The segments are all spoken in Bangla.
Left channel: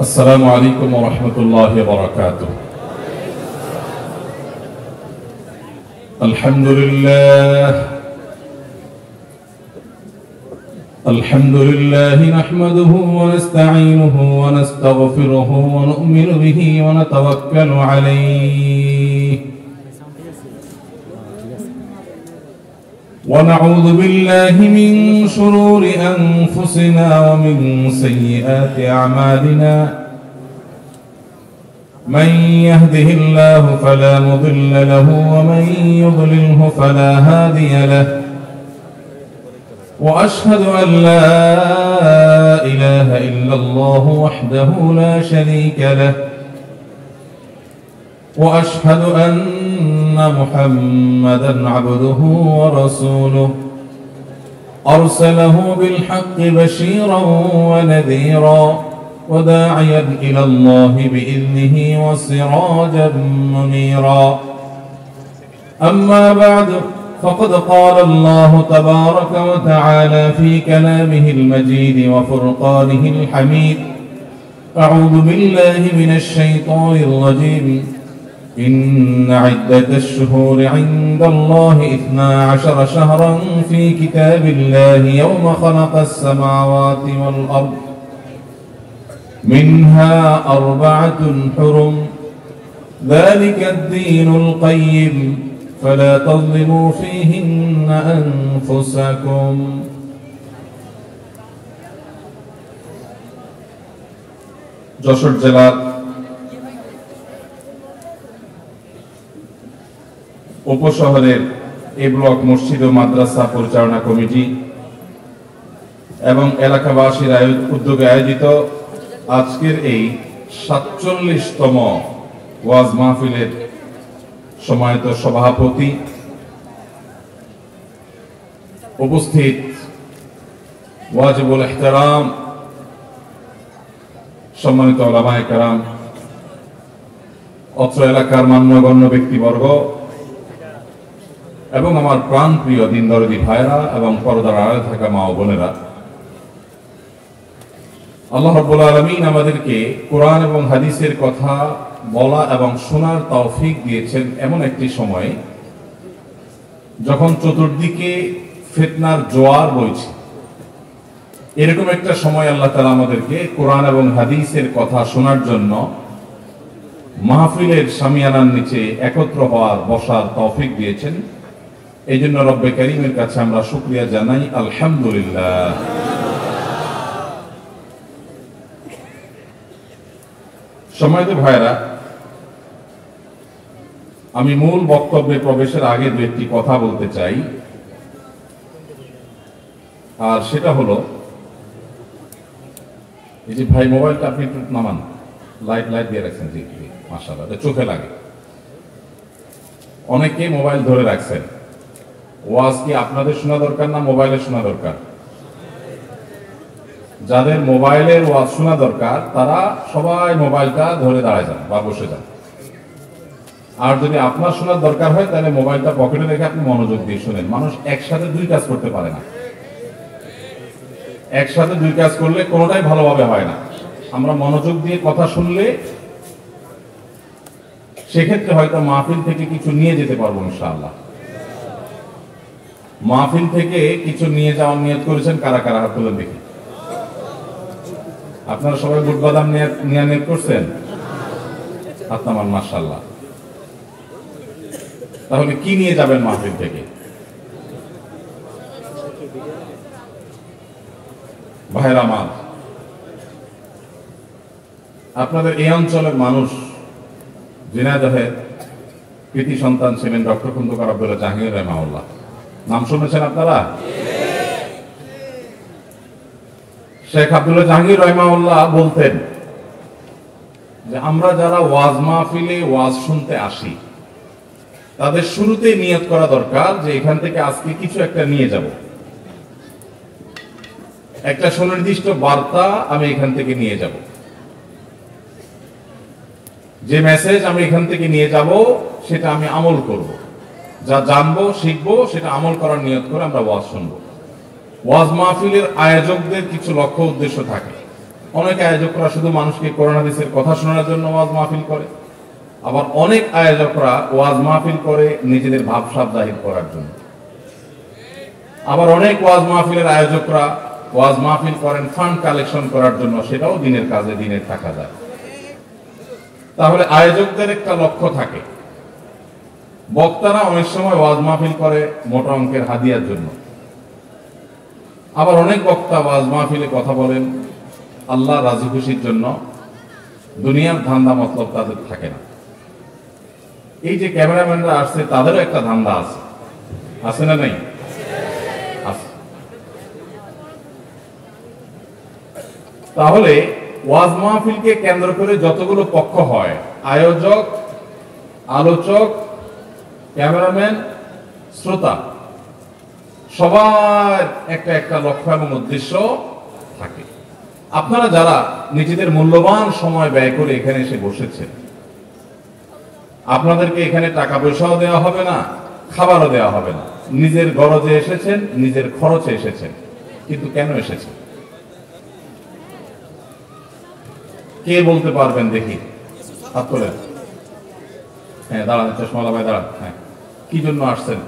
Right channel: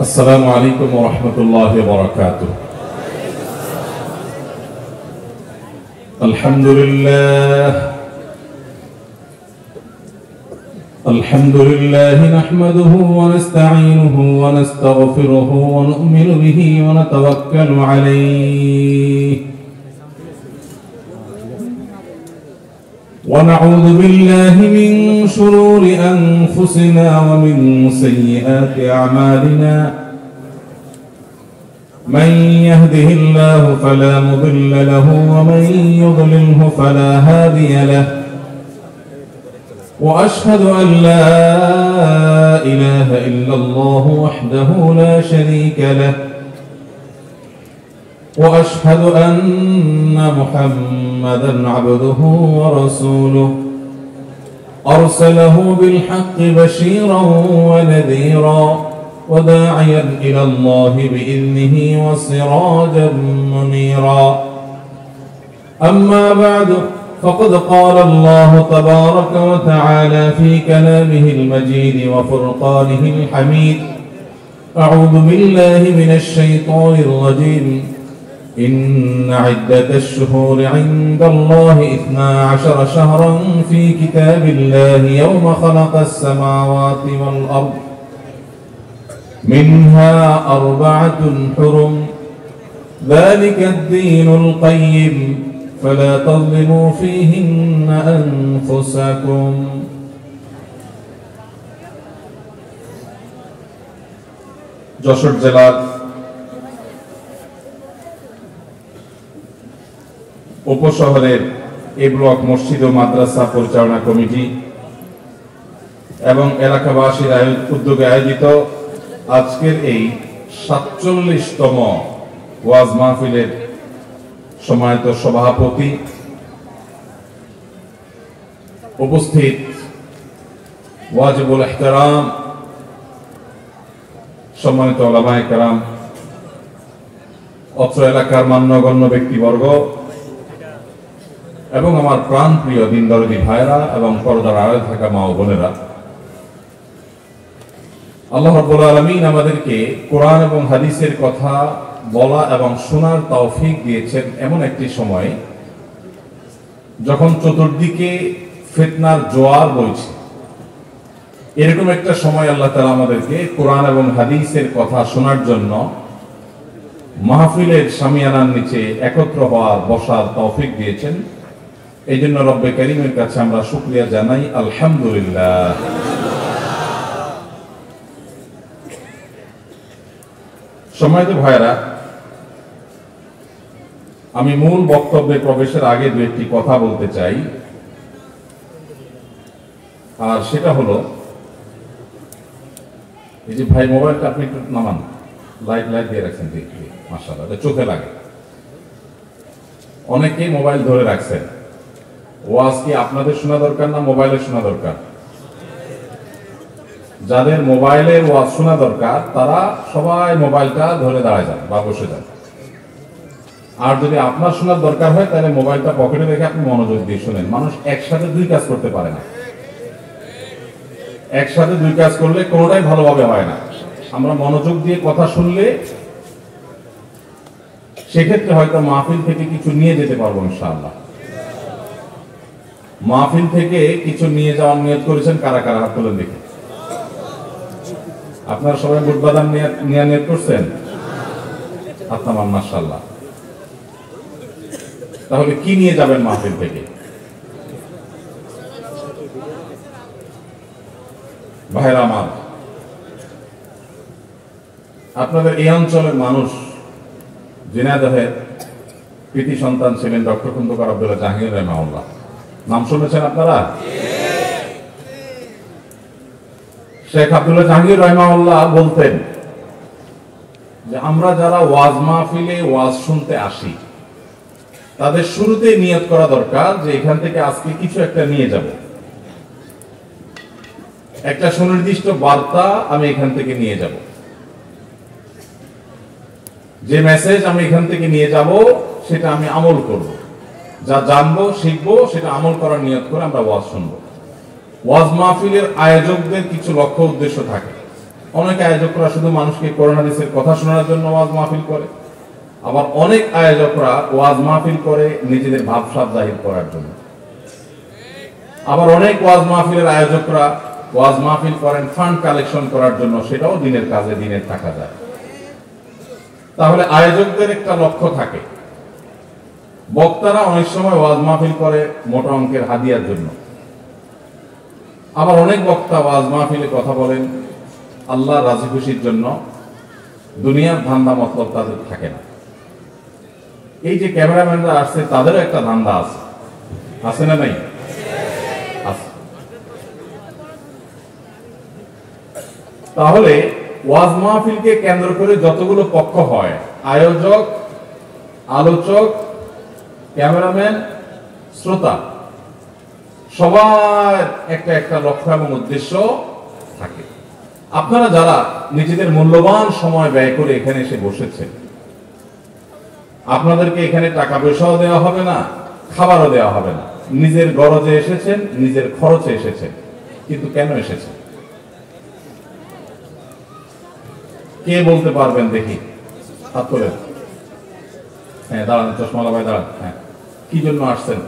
السلام عليكم ورحمة الله وبركاته. الحمد لله نحمده ونستعينه ونستغفره ونؤمن به ونتوكل عليه ونعوذ بالله من شرور أنفسنا ومن سيئات أعمالنا من يهده الله فلا مضل له ومن يضلله فلا هادي له وأشهد أن لا إله إلا الله وحده لا شريك له وأشهد أن محمدا عبده ورسوله أرسله بالحق بشيرا ونذيرا وداعيا إلى الله بإذنه وسراجا منيرا. أما بعد فقد قال الله تبارك وتعالى في كلامه المجيد وفرقانه الحميد: أعوذ بالله من الشيطان الرجيم. إن عدة الشهور عند الله 12 شهرا في كتاب الله يوم خلق السماوات والأرض منها 4 حرم ذلك الدين القيم فلا تظلموا فيهن أنفسكم. যশোর জেলার উপশহরের এ ব্লক মসজিদ ও মাদ্রাসা পরিচালনা কমিটি এবং এলাকাবাসীর উদ্যোগে আয়োজিত আজকের এই ৪৭তম ওয়াজ মাহফিলের সম্মানিত সভাপতি, উপস্থিত ওয়াজিবুল ইহতিরাম সম্মানিত উলামায়ে কেরাম, অত্র এলাকার মান্যগণ্য ব্যক্তিবর্গ এবং আমার প্রাণপ্রিয় দিনদরদী ভাইরা এবং পর্দার আড়ালে থাকা মা ও বোনেরা, আল্লাহ রাব্বুল আলামিন আমাদেরকে কোরআন এবং হাদিসের কথা বলা এবং শোনার তৌফিক দিয়েছেন এমন একটি সময় যখন চতুর্দিকে ফিতনার জোয়ার বইছে। এরকম একটা সময় আল্লাহ তাআলা আমাদেরকে কোরআন এবং হাদিসের কথা শোনার জন্য মাহফিলের শামিয়ানার নিচে একত্র হওয়ার বসার তৌফিক দিয়েছেন। এই জন্য রব্বে কারীমের কাছে আমরা শুকরিয়া জানাই, আলহামদুলিল্লাহ। সম্মানিত ভাইরা, আমি মূল বক্তব্যে প্রবেশের আগে দু একটি কথা বলতে চাই, আর সেটা হলো এই যে ভাই মোবাইলটা আপনি একটু নামান, লাইট দিয়ে রাখছেন যে মাশাআল্লাহ, চোখে লাগে। অনেকেই মোবাইল ধরে রাখছেন। ওয়াজ কি আপনাদের শোনা দরকার না মোবাইলে শোনা দরকার? যাদের মোবাইলের ওয়াজ শোনা দরকার তারা সবাই মোবাইলটা ধরে দাঁড়ায় যান বা বসে যান। আর যদি আপনার শোনার দরকার হয় তাহলে মোবাইলটা পকেটে রেখে আপনি মনোযোগ দিয়ে শুনেন। মানুষ একসাথে 2 কাজ করতে পারে না। একসাথে 2 কাজ করলে কোনোটাই ভালোভাবে হয় না। আমরা মনোযোগ দিয়ে কথা শুনলে সেক্ষেত্রে হয়তো মাহফিল থেকে কিছু নিয়ে যেতে পারবো ইনশাআল্লাহ। মাহফিল থেকে কিছু নিয়ে যাওয়ার নিয়ত করেছেন কারা কারা? হাত তুলে দেখি। আপনারা সবাই বুট বাদাম নিয়ে নিয়ত করছেন? আপনার মাশাআল্লাহ। তাহলে কি নিয়ে যাবেন মাহফিল থেকে? ভাইরা আমার, আপনাদের এই অঞ্চলের মানুষ ঝিনাইদহের কৃতি সন্তান ছিলেন ডক্টর খন্দকার আব্দুল্লাহ জাহাঙ্গীর রাহিমাহুল্লাহ। নাম শুনেছেন আপনারা? শেখ আব্দুল্লাহ জাহাঙ্গীর রাহিমাহুল্লাহ বলতেন যে আমরা যারা ওয়াজ মাহফিলে ওয়াজ শুনতে আসি তাদের শুরুতে নিয়ত করা দরকার যে এখান থেকে আজকে কিছু একটা নিয়ে যাব, একটা সুনির্দিষ্ট বার্তা আমি এখান থেকে নিয়ে যাব। যে মেসেজ আমি এখান থেকে নিয়ে যাব সেটা আমি আমল করব, যা জানবো শিখবো সেটা আমল করার নিয়ত করে আমরা ওয়াজ শুনবো। ওয়াজ মাহফিলের আয়োজকদের কিছু লক্ষ্য উদ্দেশ্য থাকে। অনেক আয়োজকরা শুধু মানুষকে কোরআন হাদিসের কথা শোনার জন্য ওয়াজ মাহফিল করে, আবার অনেক আয়োজকরা ওয়াজ মাহফিল করে নিজেদের ভাবসাব জাহির করার জন্য। আবার অনেক ওয়াজ মাহফিলের আয়োজকরা ওয়াজ মাহফিল করেন ফান্ড কালেকশন করার জন্য, সেটাও দিনের কাজে দিনের টাকা যায়। তাহলে আয়োজকদের একটা লক্ষ্য থাকে। বক্তারা অনেক সময় ওয়াজ মাহফিল করে মোটা অঙ্কের হাদিয়ার জন্য, আবার অনেক বক্তা ওয়াজ মাহফিলে কথা বলেন আল্লাহ রাজি খুশির জন্য। দুনিয়ার ধান্দা মতলব তাদের থাকে না। এই যে ক্যামেরাম্যানরা আসছে তাদেরও একটা ধান্দা আছে, আছে না নাই? আছে। তাহলে ওয়াজ মাহফিলকে কেন্দ্র করে যতগুলো পক্ষ হয়, আয়োজক, আলোচক, ক্যামেরাম্যান, শ্রোতা, সবার একটা একটা লক্ষ্য এবং উদ্দেশ্য থাকে। আপনারা যারা নিজেদের মূল্যবান সময় ব্যয় করে এখানে এসে বসেছেন, আপনাদেরকে এখানে টাকা পয়সাও দেওয়া হবে না, খাবারও দেওয়া হবে না। নিজের গরজে এসেছেন, নিজের খরচে এসেছেন। কিন্তু কেন এসেছেন? কে বলতে পারবেন দেখি? হাত তোলেন। হ্যাঁ, দাঁড়ান, চশমা লাগাই দাঁড়ান। হ্যাঁ, কি জন্য আসছেন?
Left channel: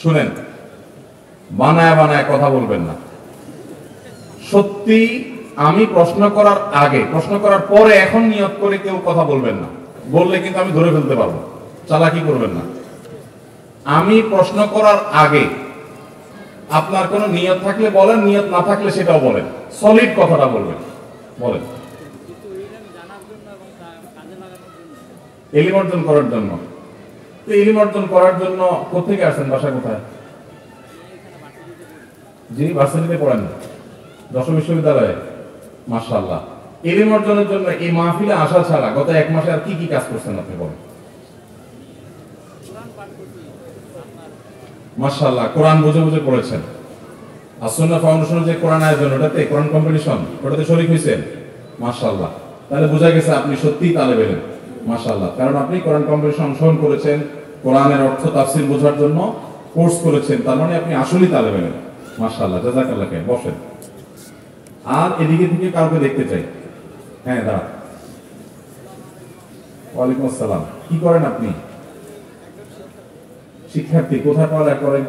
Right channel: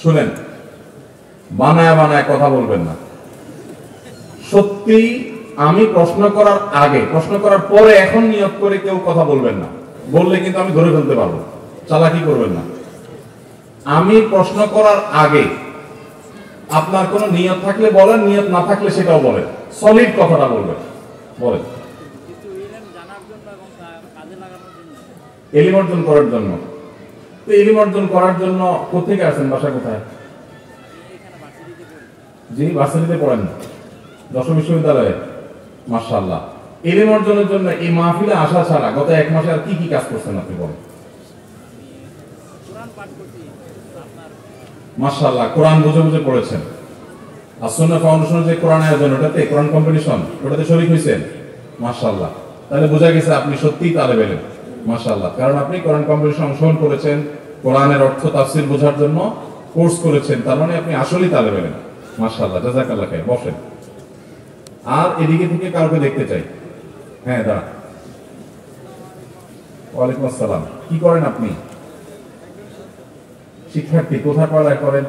শুনেন, বানায় বানায় কথা বলবেন না। সত্যি আমি প্রশ্ন করার আগে, প্রশ্ন করার পরে এখন নিয়ত করে কেউ কথা বলবেন না। বললে কিন্তু আমি ধরে ফেলতে পারবো। চালাকি করবেন না। আমি প্রশ্ন করার আগে আপনার কোন নিয়ত থাকলে বলেন, নিয়ত না থাকলে সেটাও বলেন। সলিড কথাটা বলবেন। বলেন। এলিম অর্জন করার জন্য। তো এলিম অর্জন করার জন্য কোথেকে আসেন? বাসা কোথায়? জি, ভার্সিটিতে পড়েন, যশোর বিশ্ববিদ্যালয়ে। মাশাআল্লাহ। এলিম অর্জনের জন্য এই মাহফিলে আসা ছাড়া গত 1 মাসে আর কি কি কাজ করছেন আপনি বলেন? মাশাআল্লাহ, কোরআন বুঝে বুঝে পড়েছেন। আর সুন্নাহ ফাউন্ডেশন যে কোরআন আয়োজন, ওটাতে কোরআন কম্পিটিশন, ওটাতে শরীক হয়েছেন। মাশাআল্লাহ। তাহলে বোঝা গেছে আপনি সত্যিই তালেব ইলম। মাশাআল্লাহ। কারণ আপনি কোরআন কম্পিটিশন অংশগ্রহণ করেছেন, কোরআনের অর্থ তাফসীর বোঝার জন্য কোর্স করেছেন। তার মানে আপনি আসলেই তালেব ইলম। মাশাআল্লাহ, জাযাকাল্লাহ খাইর। বসেন। আর এদিকে থেকে কাউকে দেখতে চাই। হ্যাঁ, দাঁড়ান। ওয়ালাইকুম আসসালাম। কি করেন আপনি? শিক্ষার্থী। কোথায় পড়ালেখা করেন?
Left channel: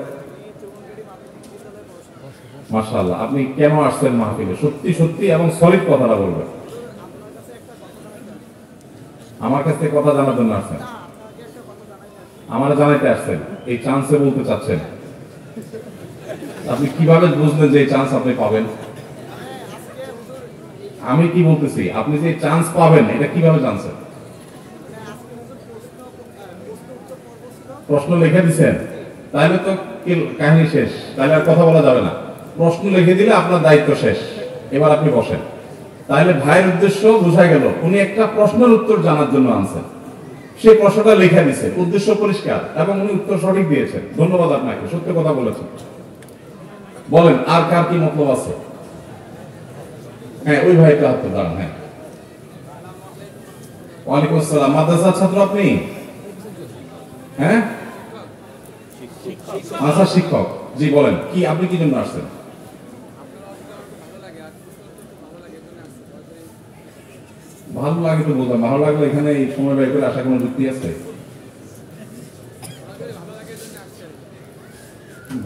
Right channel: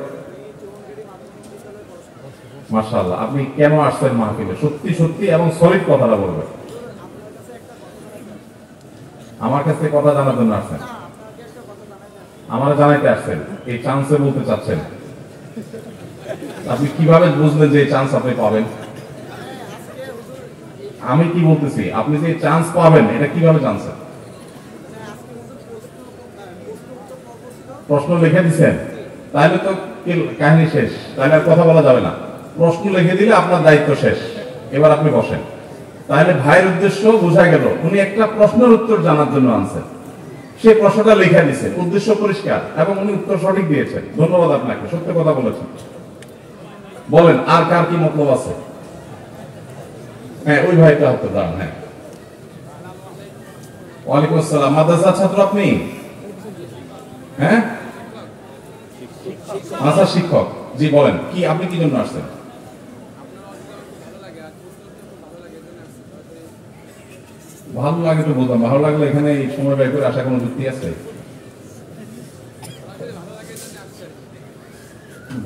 মাশাআল্লাহ। আপনি কেন আসছেন মাহফিলে? সত্যি সত্যি এবং সলিড কথাটা বলবেন। আমার কাছে কথা জানার জন্য আসছেন? আমার জানাইতে আসছেন? এই চান্সে বলতে চাচ্ছেন? আপনি কিভাবে বুঝলেন যে এই চান্স আপনি পাবেন? আমি কি বলতেছি, আপনি যে চান্স পাবেন এটা কিভাবে জানছেন? প্রশ্ন লিখে দিচ্ছেন, তাহলে তো কাহিনী শেষ। তাহলে আর কথা বলা যাবে না। প্রশ্ন লিখে দিলে আপনার দায়িত্ব শেষ। এবার আপনি বসেন। তাহলে ভাইয়ের উদ্দেশ্য বোঝা গেল, উনি একটা প্রশ্নের উত্তর জানার জন্য আনছেন। সেই প্রশ্নটা লিখে দিচ্ছে, উদ্দেশ্য পরিষ্কার, এবং উনি উত্তর সঠিক দিয়েছেন। ধন্যবাদ আপনাকে, সত্য কথা বলেছেন। বলেন, আর কার কি মতলব আছে? হ্যাঁ, ওই ভাইটা হাত দাঁড়ান। হ্যাঁ, ওয়ালাইকুম আসসালাম। মাদ্রাসার ছাত্র আপনি? হ্যাঁ, আচ্ছা, শিক্ষক। জি বলেন, কি আপনি কি জন্য আসছেন? ভালো লাগে তো বলতাম। ভালো লাগলে এখানে এই সময় ব্যয় করে আসা কোনো যুক্তি আছে?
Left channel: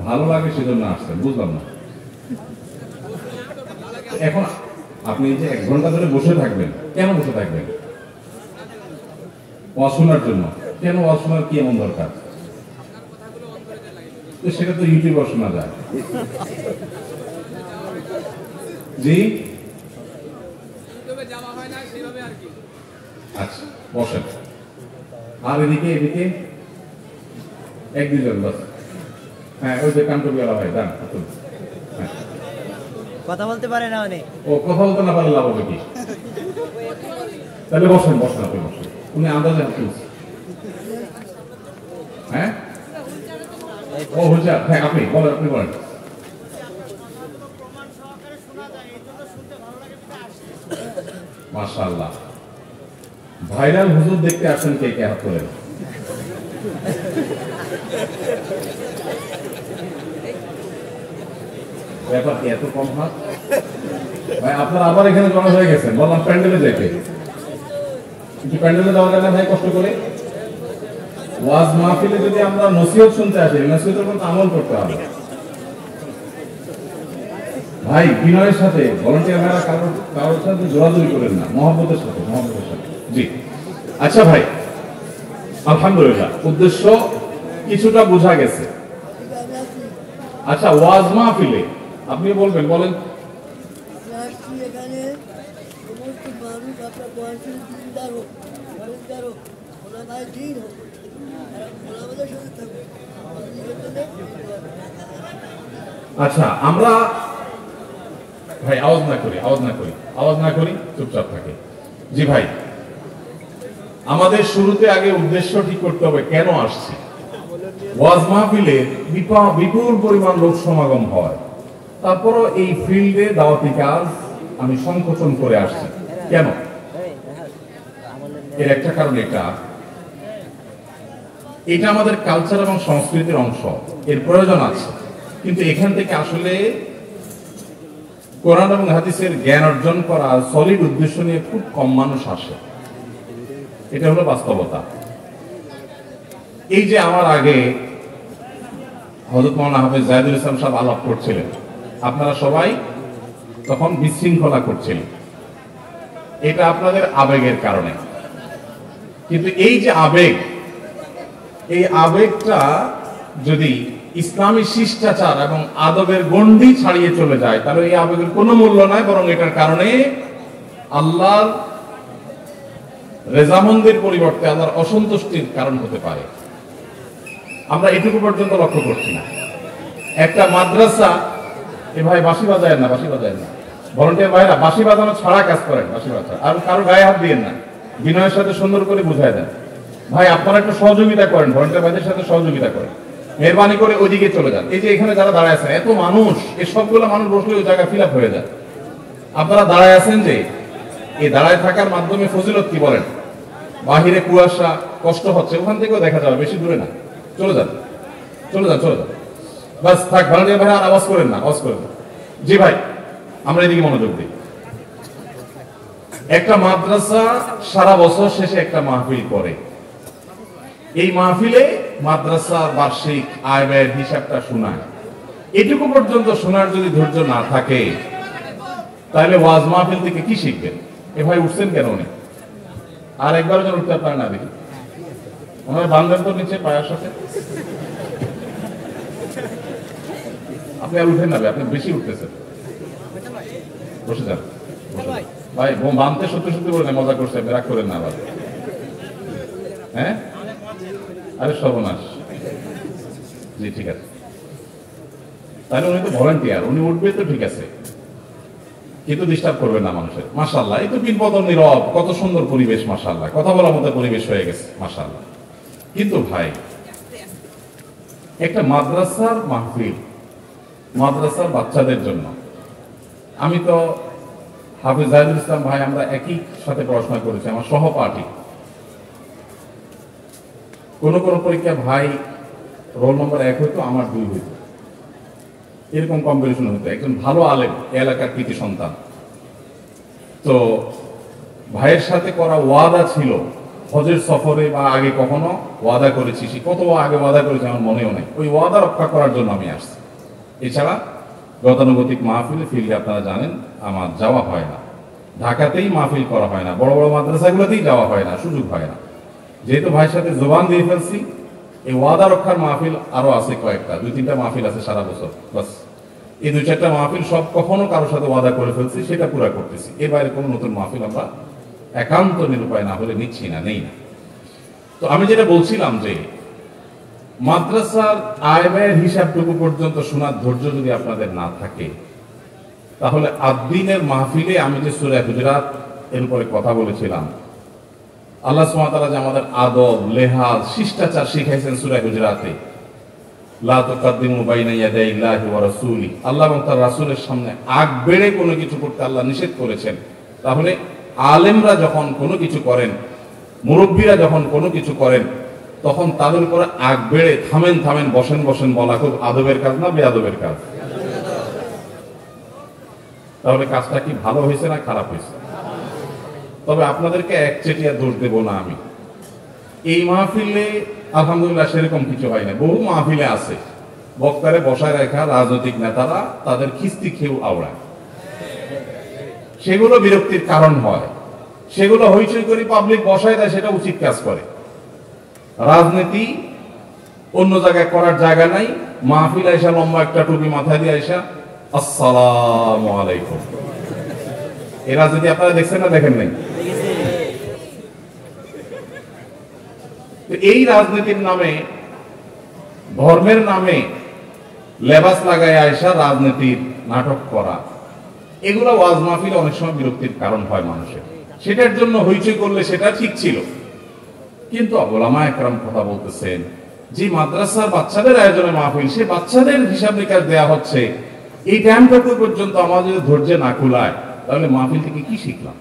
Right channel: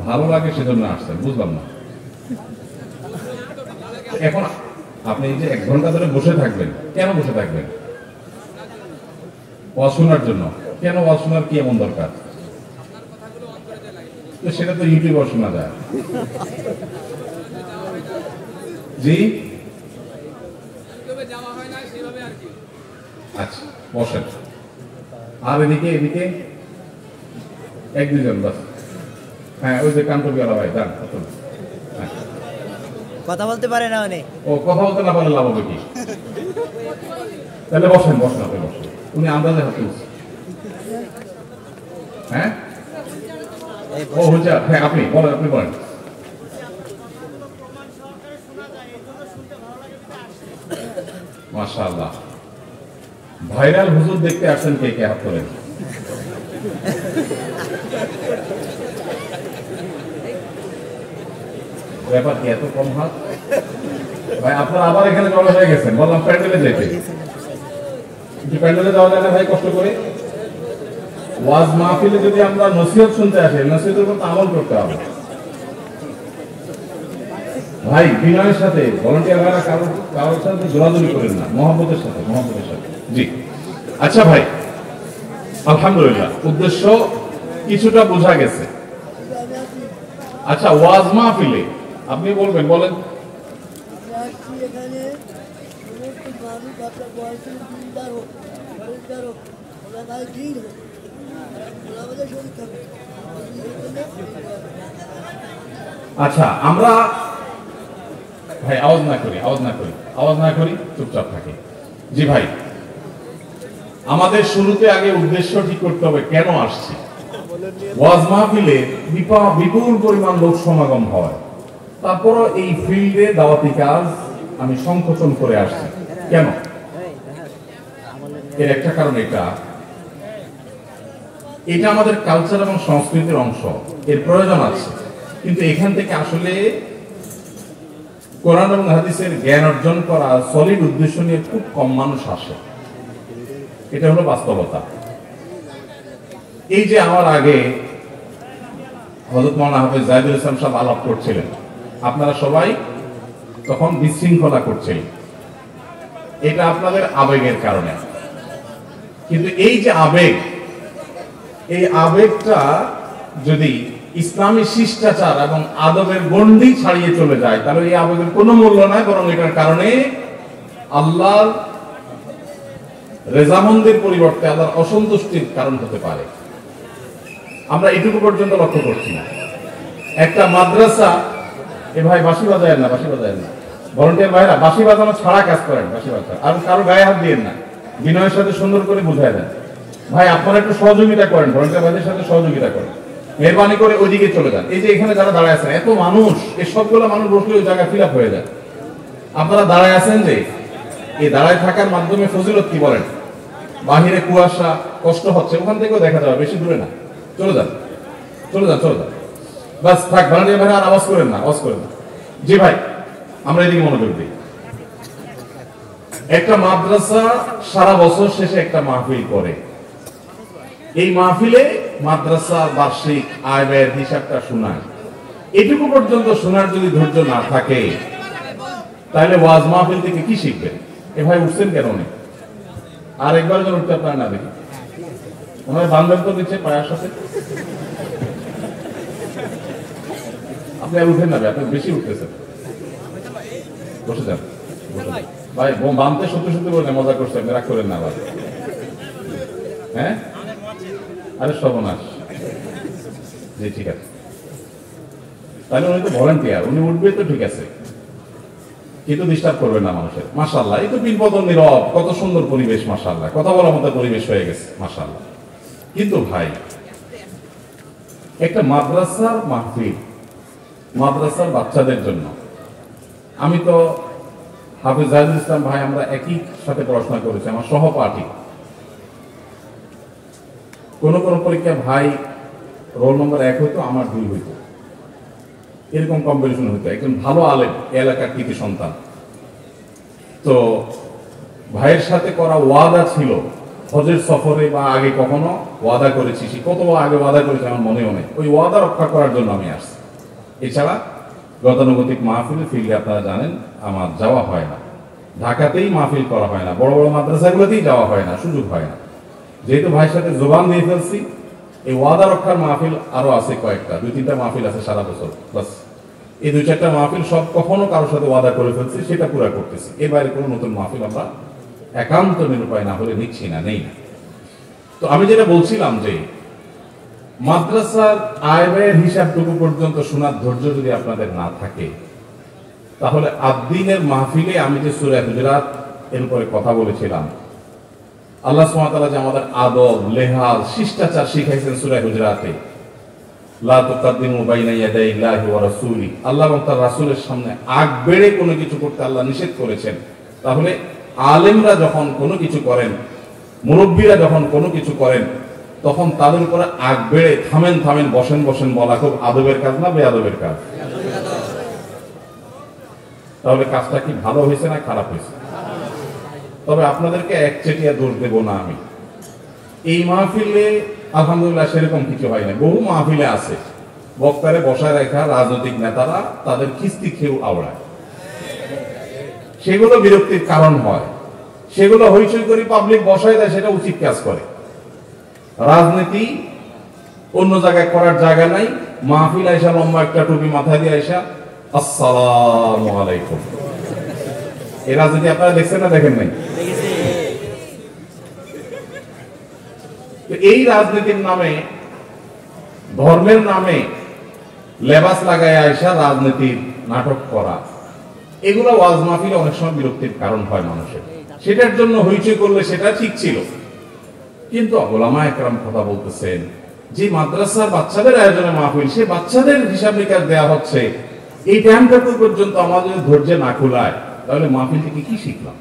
ভালো লাগে সেজন্য আসছেন, বুঝলাম না। এখন আপনি যে 1 ঘন্টা ধরে বসে থাকবেন, কেন বসে থাকবেন? ওয়াজ শোনার জন্য। কেন ওয়াজ শোনার কি এমন দরকার? সেটা তো ইউটিউবে শোনা যায়। জি, আচ্ছা, বসেন। আর এদিকে এদিকে 1-2 জন বাস। হ্যাঁ, ওই যে কান্টবিয়ালা ভাই, যান। কথা বলতে পারে না অনেক। ও কথা বলতে না পারলে লাভ হবে কি? তাহলে বসেন, বসেন, আপনি বসেন। উনি আন্দাজে হাত তুলছে। হ্যাঁ, ও হুজুর। হ্যাঁ, আপনি বলেন, আপনি বলেন। মাশাআল্লাহ। ভাইরাল হুজুর দেখতে আসেন কে কে? হাত তোলেন। ব্যাপার কি এত কম হাত? ভাই আপনারা আবার এখানে জমা হয়ে গেছেন, বললাম প্যান্ডেলে যাইতে, কিন্তু প্যান্ডেলে যাওয়া যায় না ভাই কষ্ট করে। ওয়াজ মাহফিলে যদি আমরা নসিহত শুনতে আসি, নসিহতের মতো আমল করতে হবে ভাই, বিনয়ের সাথে ভলান্টিয়ার ভাইরা কারোর সাথে জোরাজুরি করেন না, মহব্বতের সাথে, মহব্বতের সাথে। জি আচ্ছা ভাই, আলহামদুলিল্লাহ উদ্দেশ্য কিছুটা বোঝা গেছে। আচ্ছা ওয়াজ মাহফিলে আপনি বলবেন, বলেন। আচ্ছা আমরা ভাই আওয়াজ না করি, আওয়াজ না করি, আওয়াজ না করি, চুপচাপ থাকে। জি ভাই, আমাদের শুরুতে আগে উদ্দেশ্য ঠিক করতে হবে, কেন আসছি। ওয়াজ মাহফিলে বিপুল পরিমাণ লোক সমাগম হয়, তারপরও এই ফিল্ডে দাওয়াতি কাজ আমি সংকোচন করে আসছি। কেন? এর একটা কারণ এটা আমাদের কালচার এবং সংস্কৃতির অংশ, এর প্রয়োজন আছে, কিন্তু এখান থেকে আসলে কোরআন এবং হাদিসের জ্ঞান অর্জন করা সলিড উদ্দেশ্য নিয়ে খুব কম মানুষ আসে, এটা হলো বাস্তবতা। এই যে আমার আগে হযরত মাওলানা হাফেজ জাহিদুল ইসলাম সাহেব আলাপ করছিলেন, আপনারা সবাই তখন বিশৃঙ্খলা করছিলেন, এটা আপনাদের আবেগের কারণে। কিন্তু এই যে আবেগ, এই আবেগটা যদি ইসলামী শিষ্টাচার এবং আদবের গণ্ডি ছাড়িয়ে চলে যায়, তাহলে এই আবেগের কোনো মূল্য নাই, বরং এটার কারণে আল্লাহর রেজামন্দির পরিবর্তে আল্লাহর অসন্তুষ্টির কারণ হতে পারে। আমরা এটুকু পর্যন্ত লক্ষ্য করছি না। একটা মাদ্রাসা, এ ভাই বাঁশি বাজায় না, বাঁশি বাজায় না, ভলান্টিয়ার ভাইরা বাঁশি বাজানো ছাড়া কাজ করেন, বাঁশি বাজান, আর কারো গায়ে হাত দিয়েন না, বিনয়ের সাথে সুন্দর করে বুঝাই দেন। ভাই আপনারা একটু সহযোগিতা করেন, ভলান্টিয়ার ভাইদের সাথে সহযোগিতা করেন, মেহরবানি করে ওইদিকে চলে যান। এই যে এখানে যারা দাঁড়ায় আছেন, এত মানুষ, এই সবগুলো মানুষ বসলে ওই জায়গা ফিল আপ হয়ে যায়। আপনারা দাঁড়ায় আছেন যে, এই দাঁড়ায় থাকার মাধ্যমে ফজিলত কি বলেন? বাহিরে কুয়াশা, কষ্ট হচ্ছে, ওখান থেকেও দেখা যাবে, বেশি দূরে না, চলে যান, চলে যান, চলে যান, বাস থাক। ভলান্টিয়ার ভাইরা আর আওয়াজ করেন না, আওয়াজ করেন না। জি ভাই, আমরা এদিকে মনোযোগ দিই। একটা মাদ্রাসা সারা বছর শেষে একটা মাহফিল করে, এই মাহফিলে মাদ্রাসার বার্ষিক আয় ব্যয়ের হিসাবটা শোনায়। এটুকু পর্যন্ত শোনার যদি ধৈর্য না থাকে, তাহলে ওয়াজ মাহফিল থেকে কি শিখবেন? এ ভাই উঠছেন কেন? আর একবার যেন উঠতে আপনারা না দেখি, ওনার বান্ধব তো নিচ্ছে পায়ের সাথে, আপনি আর উঠেন না ভাই, আপনি বেশি উঠতেছেন, বসে যান ভাই। বাঁধতে সত্যি সত্যি বলে মজা করছে, রাগ করেন না ভাই। হ্যাঁ, আরে সর্বনাশ। জি ঠিক আছে, তাহলে উনি তো ভলান্টিয়ার, উনি উঠবে তো ঠিক আছে, কিন্তু ডিস্টার্ব করবেন না মানুষের। মাশাআল্লাহ, এই তো বিপদন নীরব, কত সুন্দর পরিবেশ, মাশাআল্লাহ, কথা বলার মতো পরিবেশ হয়ে গেছে, মাশাআল্লাহ। কিন্তু ভাই, একটা মাদ্রাসার মাহফিল, মাদ্রাসার বাচ্চাদের জন্য, আমি তো হাফেজ জাহিদুল ইসলাম ভাই, আমরা একই সাথে পড়াশোনা করেছি, আমার সহপাঠী। কোন কোন পরীক্ষা ভাই রোল নম্বর 1 হইতো, আমার 2 হইতো, এরকম কম্পিটিশন হতো। একজন ভালো আলেম, এলাকার কৃতি সন্তান। তো ভাইয়ের সাথে করা ওয়াদা ছিল, হজের সফরে বা আগে কখনো ওয়াদা করেছি, কত আগে ওয়াদা করেছি আমার মনেও নেই, ওই ওয়াদা রক্ষা করার জন্য আমি আসছি। এছাড়া গতানুগতিক মাহফিলে ফিল্ডে আপনারা জানেন আমার যাওয়া হয় না, ঢাকাতেই মাহফিল করা হয় না, বড় বড় মাদ্রাসাগুলোতেই যাওয়া হয় না, সুযোগ হয় না। যেহেতু ভাইয়ের সাথে জোবান দিয়ে ফেলছি, এই ওয়াদা রক্ষার মাহফিল আরো আছে কয়েকটা, 2-3টা মাহফিল আছে সারা বছর, বাস এই 2-4টা মাহফিল সব কখনো কারোর সাথে ওয়াদা করে ফেলছি, সেটা পুরো করতেছি। এর বাইরে কোনো নতুন মাহফিল আমরা একান্ত নিরুপায় না হলে নিচ্ছি না, নেই না। তো আমি যেটা বলছিলাম যে মাদ্রাসার আয় ব্যয়ের হিসাবটুকু পর্যন্ত শোনার ধৈর্য যদি আপনাদের না থাকে, তাহলে আদ্দিনের মাহফিলে আমি যে সূরা হুজুরাত এর উপরে কথা বলেছিলাম, আল্লাহ সুবহানাহু ওয়া তাআলা যে আমাদের আদব, লেহাজ, শিষ্টাচার শিখাইছেন সূরা হুজুরাতে, লা তুকাদ্দিমু বাইনা ইয়াদাইল্লাহি ওয়া রাসূলি, আল্লাহ এবং তার রাসূলের সামনে আগ বেড়ে কোনো কিছু করতে আল্লাহ নিষেধ করেছেন। তাহলে আলেমরা যখন কোনো কিছু করেন, মুরব্বীরা যখন কোনো কিছু করেন, তখন তাদের উপরে আগ বেড়ে থামেন থামেন, বসেন বসেন বলা খুব আদবের কাজ না বেআদবের কাজ? তাহলে কাজটা কি ভালো হয়েছে না খারাপ হয়েছে? তবে আপনাদেরকে একচেটিয়া দোষ দেব না আমি। এই মাহফিলে আলহামদুলিল্লাহ সেরকম কিছু হয় না। বহু মাহফিলে আছে বক্তারে বসায় রাখা রাজনৈতিক নেতারা তাদের খিস্তি খেয়েও আওড়ায়, সেগুলো বিরক্তির কারণ হয়। সেগুলো হইচই করে পাবলিক বসায় দেয়, সেটা উচিত কাজ করে। রাজনীতি অন্য জায়গায় করার জায়গা নাই। মাহফিল আইসা লম্বা একটা টুপি মাথায় দিয়ে আইসা আসসালামু আলাইকুম, এই রাজনীতি আপনারা দেখছেন না দেখেন নাই? এই রাজনীতির নামে, ধর্মের নামে লেবাস লাগায় আইসা রাজনীতির নাটক করা, এগুলো ওয়াজ মাহফিলে অনেক সময় বিরক্তির কারণ হয় মানুষের। সেটার জন্য হইচই করলে সেটা ঠিক ছিল, কিন্তু ওলামা একরাম কথা বলতেছেন যে মাদ্রাসার বাচ্চাদের আয়োজনে মাহফিল, সে বাচ্চাদের হিসাব নিকাশ দেওয়া হচ্ছে, এই টাইমটুকু পর্যন্ত আমাদের ধৈর্য না খোলায়, তাহলে মাহফিল থেকে কি শিখলাম?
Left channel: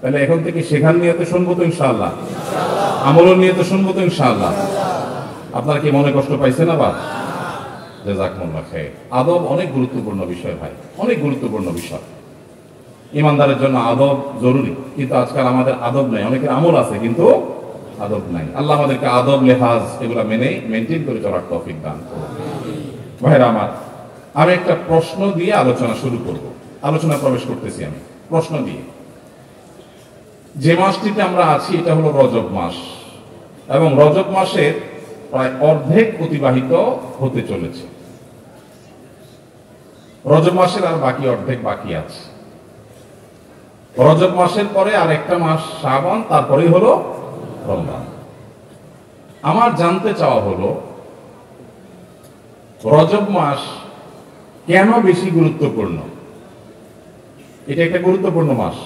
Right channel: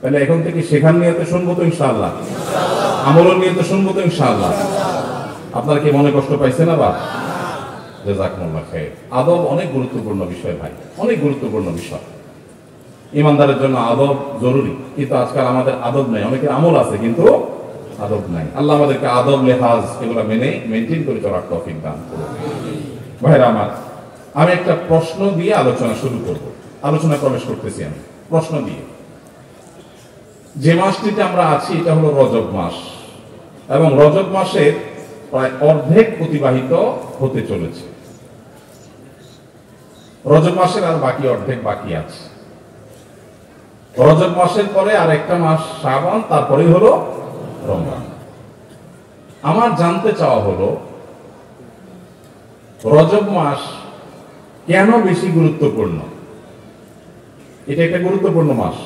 তাহলে এখন থেকে শেখার নিয়ে তো শুনবো তো ইনশাআল্লাহ, আমলের নিয়ে তো শুনবো তো ইনশাআল্লাহ। আপনারা কি মনে কষ্ট পাইছেন? আবার জাযাকুমুল্লাহ খাইর। আদব অনেক গুরুত্বপূর্ণ বিষয় ভাই, অনেক গুরুত্বপূর্ণ বিষয়। ইমানদারের জন্য আদব জরুরি, কিন্তু আজকাল আমাদের আদব নাই। অনেকের আমল আছে কিন্তু আদব নাই। আল্লাহ আমাদেরকে আদব লেহাজ এগুলো মেনে মেনটেন করে চলার তৌফিক দান করুন। ভাইরা আমার, আমি একটা প্রশ্ন দিয়ে আলোচনা শুরু করব। আলোচনা প্রবেশ করতেছি আমি প্রশ্ন দিয়ে। যে মাসটিতে আমরা আছি এটা হলো রজব মাস, এবং রজব মাসের প্রায় অর্ধেক অতিবাহিত হতে চলেছে। রজব মাসের আর বাকি অর্ধেক বাকি আছে। রজব মাসের পরে আর একটা মাস শাবান, তারপরে হলো রমজান। আমার জানতে চাওয়া হলো রজব মাস কেন বেশি গুরুত্বপূর্ণ? এটা একটা গুরুত্বপূর্ণ মাস।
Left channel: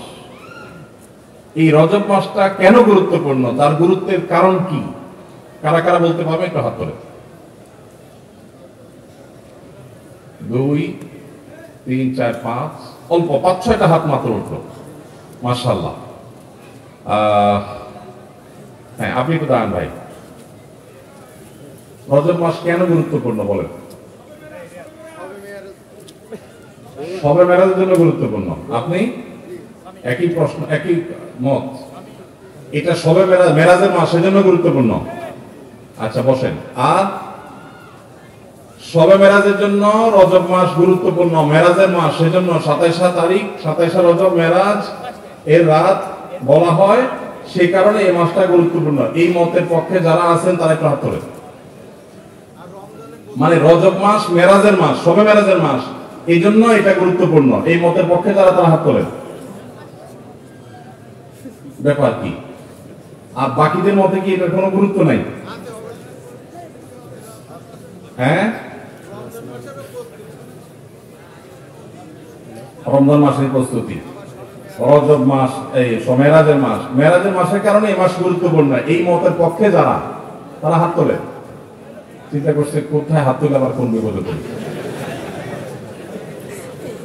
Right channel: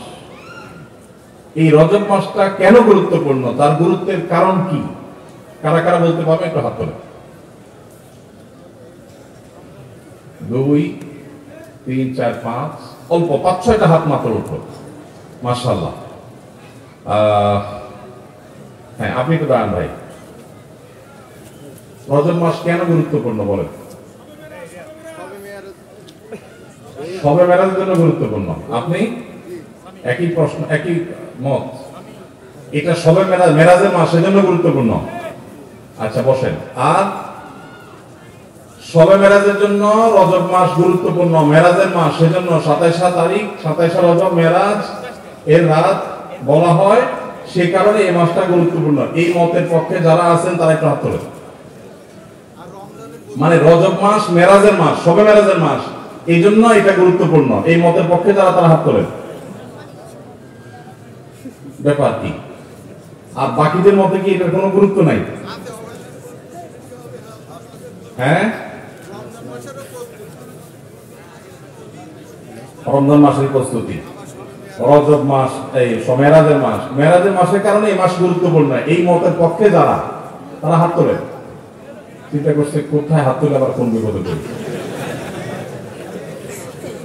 এই রজব মাসটা কেন গুরুত্বপূর্ণ, তার গুরুত্বের কারণ কি? কারা কারা বলতে পারবে? একটু হাত তোলেন। 2, 3, 4, 5, অল্প 5-6টা হাত মাত্র উঠলো। মাশাআল্লাহ। হ্যাঁ, আপনি একটু দাঁড়ান ভাই। রজব মাস কেন গুরুত্বপূর্ণ বলেন? শবে মেরাজের জন্য গুরুত্বপূর্ণ। আপনি? একই প্রশ্ন, একই মত। এটা শবে মেরাজের মাস, সেজন্য গুরুত্বপূর্ণ। আচ্ছা বসেন। আর শবে মেরাজের জন্য রজব মাস গুরুত্বপূর্ণ, মেরাজের মাস সেজন্য 27 তারিখ, 27 রজব মেরাজ এর রাত বলা হয়, সেই কারণে এই মাসটা গুরুত্বপূর্ণ। এই মতের পক্ষে যারা আছেন তারা একটু হাত তোলেন। মানে রজব মাস মেরাজের মাস, শবে মেরাজের মাস, এই জন্য এটা গুরুত্বপূর্ণ, এই মতের পক্ষে যারা, তারা হাত তোলেন। ব্যাপার কি? আর বাকিদের মধ্যে কি এটার কোনো গুরুত্ব নাই? হ্যাঁ, রমজান মাসের প্রস্তুতি, রজব মাস, এই মেরাজের মাস, মেরাজের মাসের কারণে এই মাস গুরুত্বপূর্ণ, এই মতের পক্ষে যারা, তারা হাত তোলেন। চিন্তা করছে কোথায় হাত তুলে আবার কোন বিপদে দেবে।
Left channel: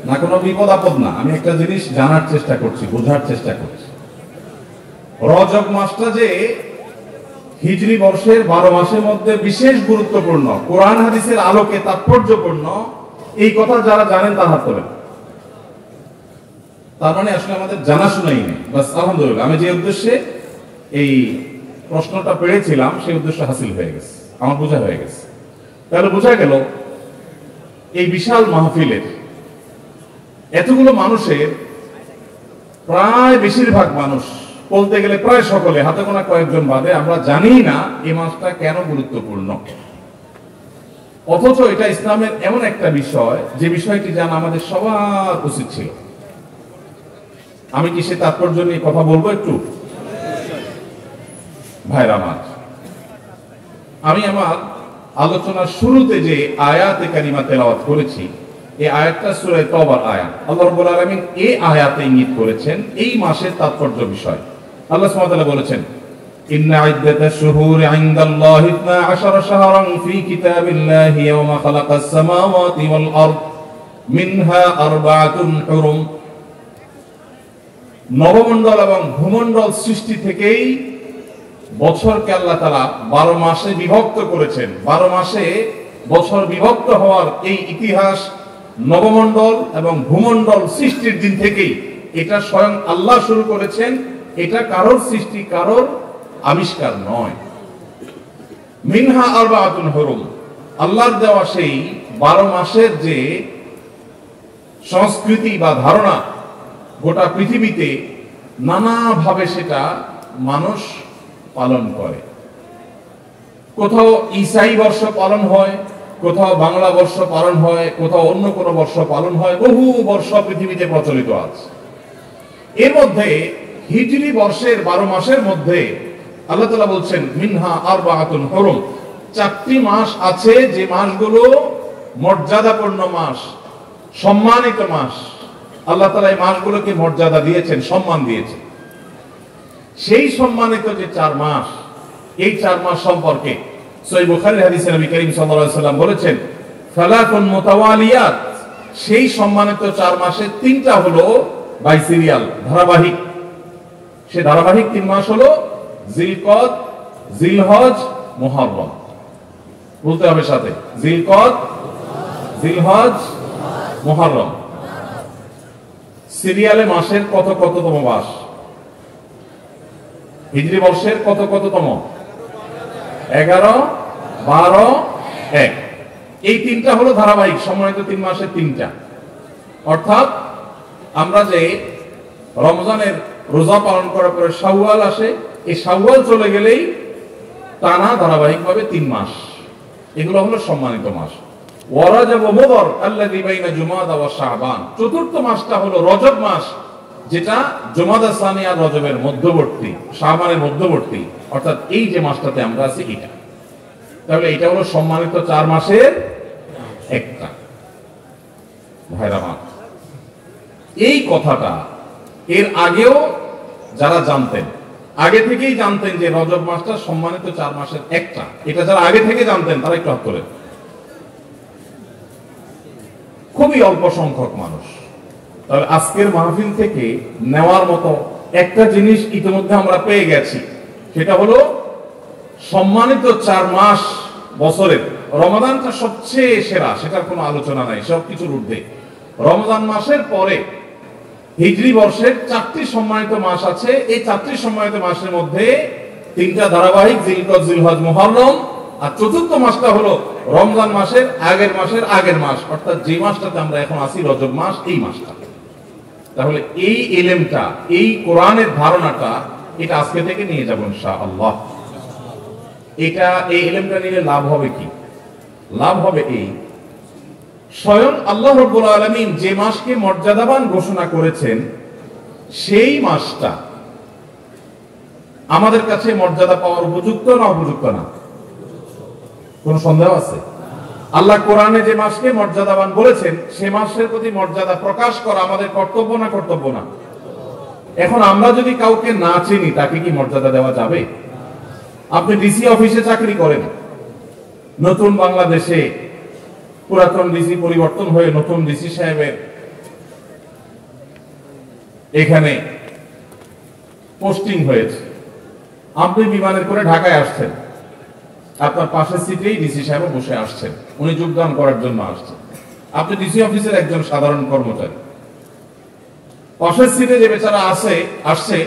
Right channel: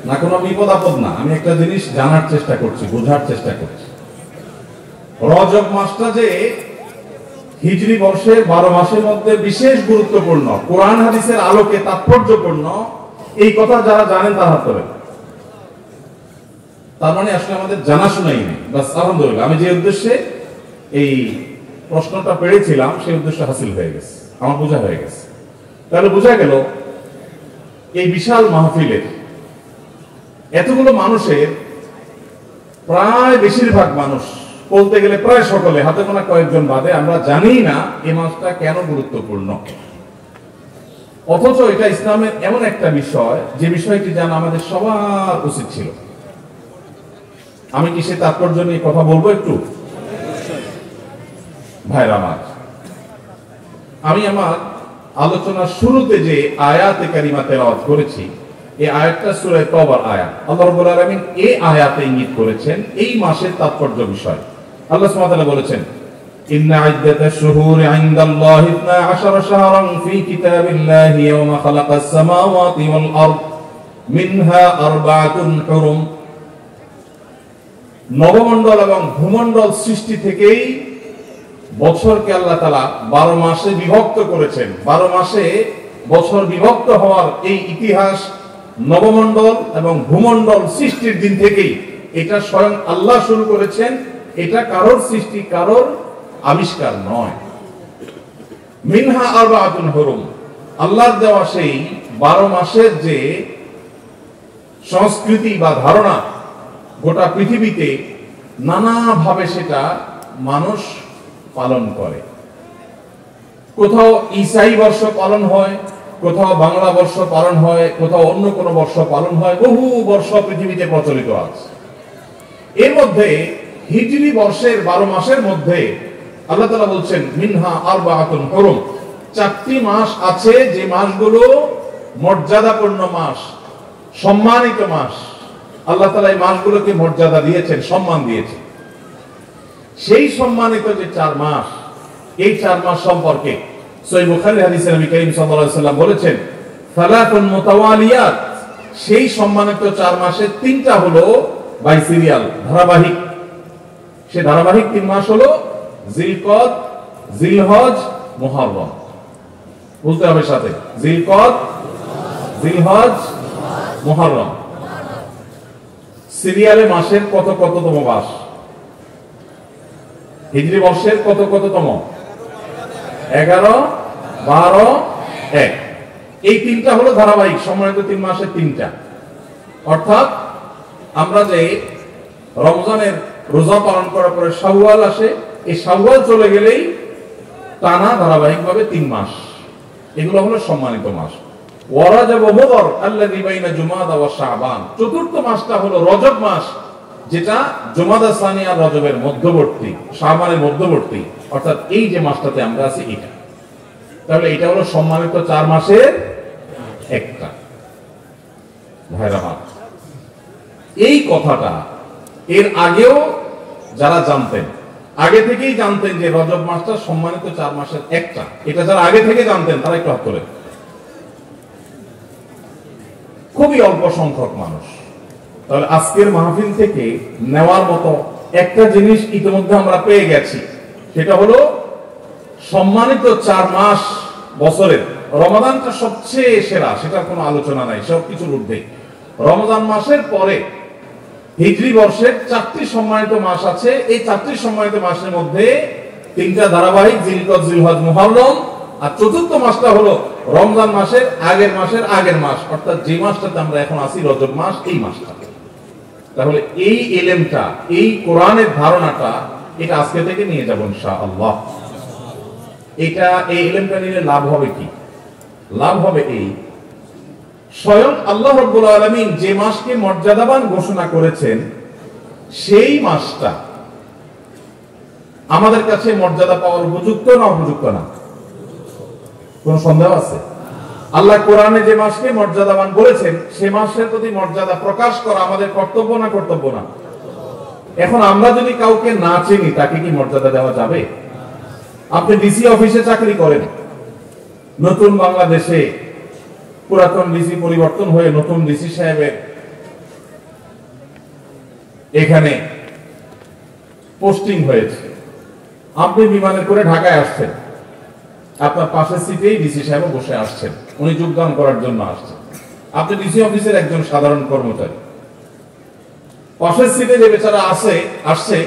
না কোনো বিপদ আপদ না, আমি একটা জিনিস জানার চেষ্টা করছি, বোঝার চেষ্টা করছি। রজব মাসটা যে হিজরি বর্ষের 12 মাসের মধ্যে বিশেষ গুরুত্বপূর্ণ, কোরআন হাদিসের আলোকে তাৎপর্যপূর্ণ, এই কথা যারা জানেন তারা হাত তোলেন। তার মানে আসলে আমাদের জানাশোনাই নেই। বাস আলহামদুলিল্লাহ, আমি যে উদ্দেশ্যে এই প্রশ্নটা পেয়েছিলাম সেই উদ্দেশ্য হাসিল হয়ে গেছে, আমার বোঝা হয়ে গেছে। তাহলে বোঝা গেল এই বিশাল মাহফিলের এতগুলো মানুষের প্রায় বেশিরভাগ মানুষ, বলতে গেলে প্রায় সকলে, হাতে গোনা কয়েকজন বাদে, আমরা জানি না এই মাসটা কেন গুরুত্বপূর্ণ। অথচ এটা ইসলামের এমন একটা বিষয় যে বিষয়টি জানা আমাদের সবার উচিত ছিল। আমি কি সে তাৎপর্য নিয়ে কথা বলবো একটু? ভাইরা আমার, আমি আমার আলোচনার শুরুতে যে আয়াতে কারিমা তেলাওয়াত করেছি, এই আয়াতটা সূরা তওবার আয়াত। আল্লাহ রাব্বুল আলামিন এই আয়াতে ইঙ্গিত করেছেন এই মাসের তাৎপর্য বিষয়। আল্লাহ সুবহানাহু ওয়া তাআলা বলেছেন, ইন্না ইদ্দাতাশ শুহুরি ইনদাল্লাহি 12 শাহরান ফি কিতাবিল্লাহি ইয়াওমা খালাকাস সামাওয়াতি ওয়াল আরদ মিনহা আরবাআতুন হুরুম। নবমণ্ডল এবং ভূমণ্ডল সৃষ্টি থেকেই বছরকে আল্লাহ তাআলা 12 মাসে বিভক্ত করেছেন। 12 মাসে বছর বিভক্ত হওয়ার এই ইতিহাস নবমণ্ডল এবং ভূমণ্ডল সৃষ্টির দিন থেকেই এটা স্বয়ং আল্লাহ শুরু করেছেন। এটা কারোর সৃষ্টি, কারোর আবিষ্কার নয়। মিনহা আরবাআতুন হুরুম, আল্লাহর দেওয়া সেই 12 মাসের যে সংস্কৃতি বা ধারণা গোটা পৃথিবীতে নানাভাবে সেটা মানুষ পালন করে। কোথাও ঈসাই বর্ষ পালন হয়, কোথাও বাংলা বর্ষ পালন হয়, কোথাও অন্য কোনো বর্ষ পালন হয়। বহু বর্ষ পৃথিবীতে প্রচলিত আছে। এর মধ্যে হিজরি বর্ষের 12 মাসের মধ্যে আল্লাহ তাআলা বলছেন মিনহা আরবাআতুন হুরুম, 4টি মাস আছে যে মাসগুলো মর্যাদাপূর্ণ মাস, সম্মানিত মাস। আল্লাহ তাআলা এই মাসগুলোকে মর্যাদা দিয়েছেন, সম্মান দিয়েছেন। সেই সম্মানিত যে 4 মাস, এই 4 মাস সম্পর্কে সহিহ বুখারীর হাদিসে নবী করিম সাল্লাল্লাহু আলাইহি ওয়াসাল্লাম বলেছেন সালাতুন মুতাওয়ালিয়াত, সেই সম্মানিত 4 মাসের 3টা হলো বাই সিরিয়াল, ধারাবাহিক। সে ধারাবাহিক 3 মাস হলো জিলকদ, জিলহজ, মুহররম। বলতে হবে সাথে, জিলকদ, জিলহজ, মুহররম। সিরিয়ালে মাসের কততম মাস? হিজরি বর্ষের কততম? 11, 12, 1। এই 3টা হলো ধারাবাহিক সম্মানিত 3 মাসের 3টা। অর্থাৎ আমরা যে রমজানের রোজা পালন করার পরে শাওয়াল আসে, এই শাওয়াল চলে গেলেই টানা ধারাবাহিকভাবে 3 মাস, এগুলো হলো সম্মানিত মাস। ওয়ারাজাব ওয়া মুদর আল্লাযী বাইনা জুমাদা ওয়া শাবান, 4র্থ মাসটা হলো রজব মাস, যেটা জুমাদা সানি আর রজবের মধ্যবর্তী, শাবানের মধ্যবর্তী। অর্থাৎ এই যে মাসটাতে আমরা আছি এটা, তাহলে এটা হলো সম্মানিত 4 মাসের একটা। ভাইরা মা, এই কথাটা এর আগেও যারা জানতেন, আগে থেকেই জানতেন যে রজব মাসটা সম্মানিত 4 মাসের একটা, এটা যারা আগে থেকে জানতেন তারা একটু হাত তোলেন। খুবই অল্প সংখ্যক মানুষ। তাহলে আজকের মাহফিল থেকে নেওয়ার মতো একটা জিনিস ইতিমধ্যে আমরা পেয়ে গেছি, সেটা হলো সম্মানিত 4 মাস বছরের রমাদানটা সবচেয়ে সেরা, সেটার কোনো আলোচনা নাই, সবকিছুর ঊর্ধ্বে। রমজান মাসের পরে হিজরি বর্ষের 4টি সম্মানিত মাস আছে। এই 4টি সম্মানিত মাসের মধ্যে 3টা ধারাবাহিক, জিলকদ, জিলহজ, মুহররম, আর 4র্থ মাসটা হলো রমজান মাসের আগের মাস, অর্থাৎ যে মাসটাতে আমরা এখন আছি রজব মাস, এই মাসটা। তাহলে এই ইলমটা, এই কোরআনের ধারণাটা, এটা আজকে থেকে নিয়ে যাব ইনশাআল্লাহ। এই ইলমটা নিলে লাভ হবে কি? লাভ হবে এই, স্বয়ং আল্লাহ রাব্বুল আলামিন যে মাসকে মর্যাদাবান ঘোষণা করেছেন, সেই মাসটা আমাদের কাছে মর্যাদা পাওয়ার উপযুক্ত না উপযুক্ত না? কোন সন্দেহ আছে? আল্লাহ কোরআনে যে মাসকে মর্যাদাবান বলেছেন, সে মাসের প্রতি মর্যাদা প্রকাশ করা আমাদের কর্তব্য না কর্তব্য না? এখন আমরা যদি কাউকে না চিনি, তাকে কি মর্যাদা দেওয়া যাবে? আপনি ডিসি অফিসে চাকরি করেন, নতুন বাংলাদেশে পুরাতন ডিসি পরিবর্তন হয়ে নতুন ডিসি সাহেবের এখানে পোস্টিং হয়েছে। আপনি বিমানে করে ঢাকায় আসছেন, আপনার পাশের সিটেই ডিসি সাহেব বসে আসছেন, উনি যোগদান করার জন্য আসছেন। আপনি ডিসি অফিসের একজন সাধারণ কর্মচারী, পাশের সিটে যে বেচারা আসছে,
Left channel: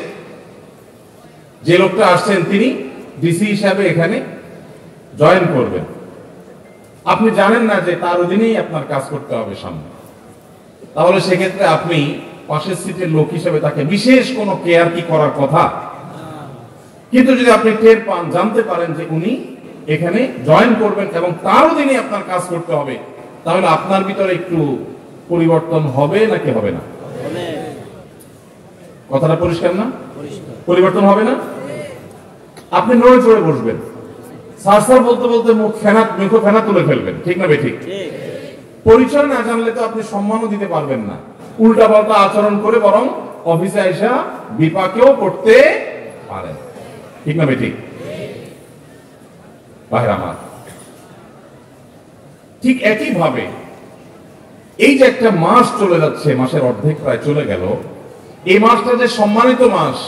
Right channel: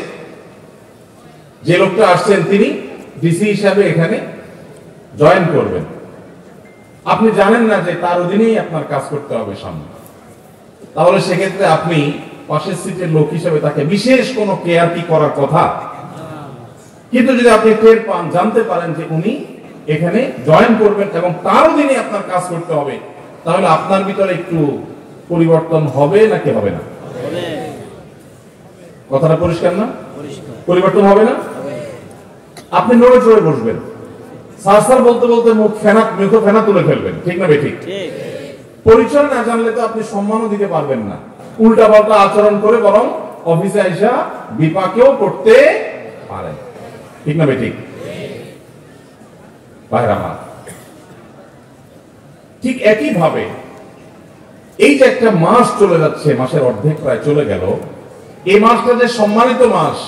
যে লোকটা আসছেন তিনি ডিসি হিসাবে এখানে জয়েন করবেন। আপনি জানেন না যে তার অধীনেই আপনার কাজ করতে হবে সামনে, তাহলে সেক্ষেত্রে আপনি পাশের সিটের লোক হিসেবে তাকে বিশেষ কোনো কেয়ার কি করার কথা? কিন্তু যদি আপনি টের পান, জানতে পারেন যে উনি এখানে জয়েন করবেন এবং তার অধীনে আপনার কাজ করতে হবে, তাহলে আপনার ভিতরে একটু পরিবর্তন হবে নাকি হবে না? কথাটা পরিষ্কার না? পরিবর্তন হবে না? আপনি নড়ে চড়ে বসবেন, সারসার বলতে বলতে মুখ ফেনা তুলে ফেলবেন, ঠিক না বেঠিক? পরিচয় না জানলে তো আপনি সম্মানও দিতে পারবেন না, উল্টা পাল্টা আচরণ করে বরং অফিসে আইসা বিপাকেও করতে পারেন, ঠিক না বেঠিক? ঠিক একই ভাবে এই যে একটা মাস চলে যাচ্ছে, মাসের অর্ধেক প্রায় চলে গেল, এই মাসটা যে সম্মানিত মাস,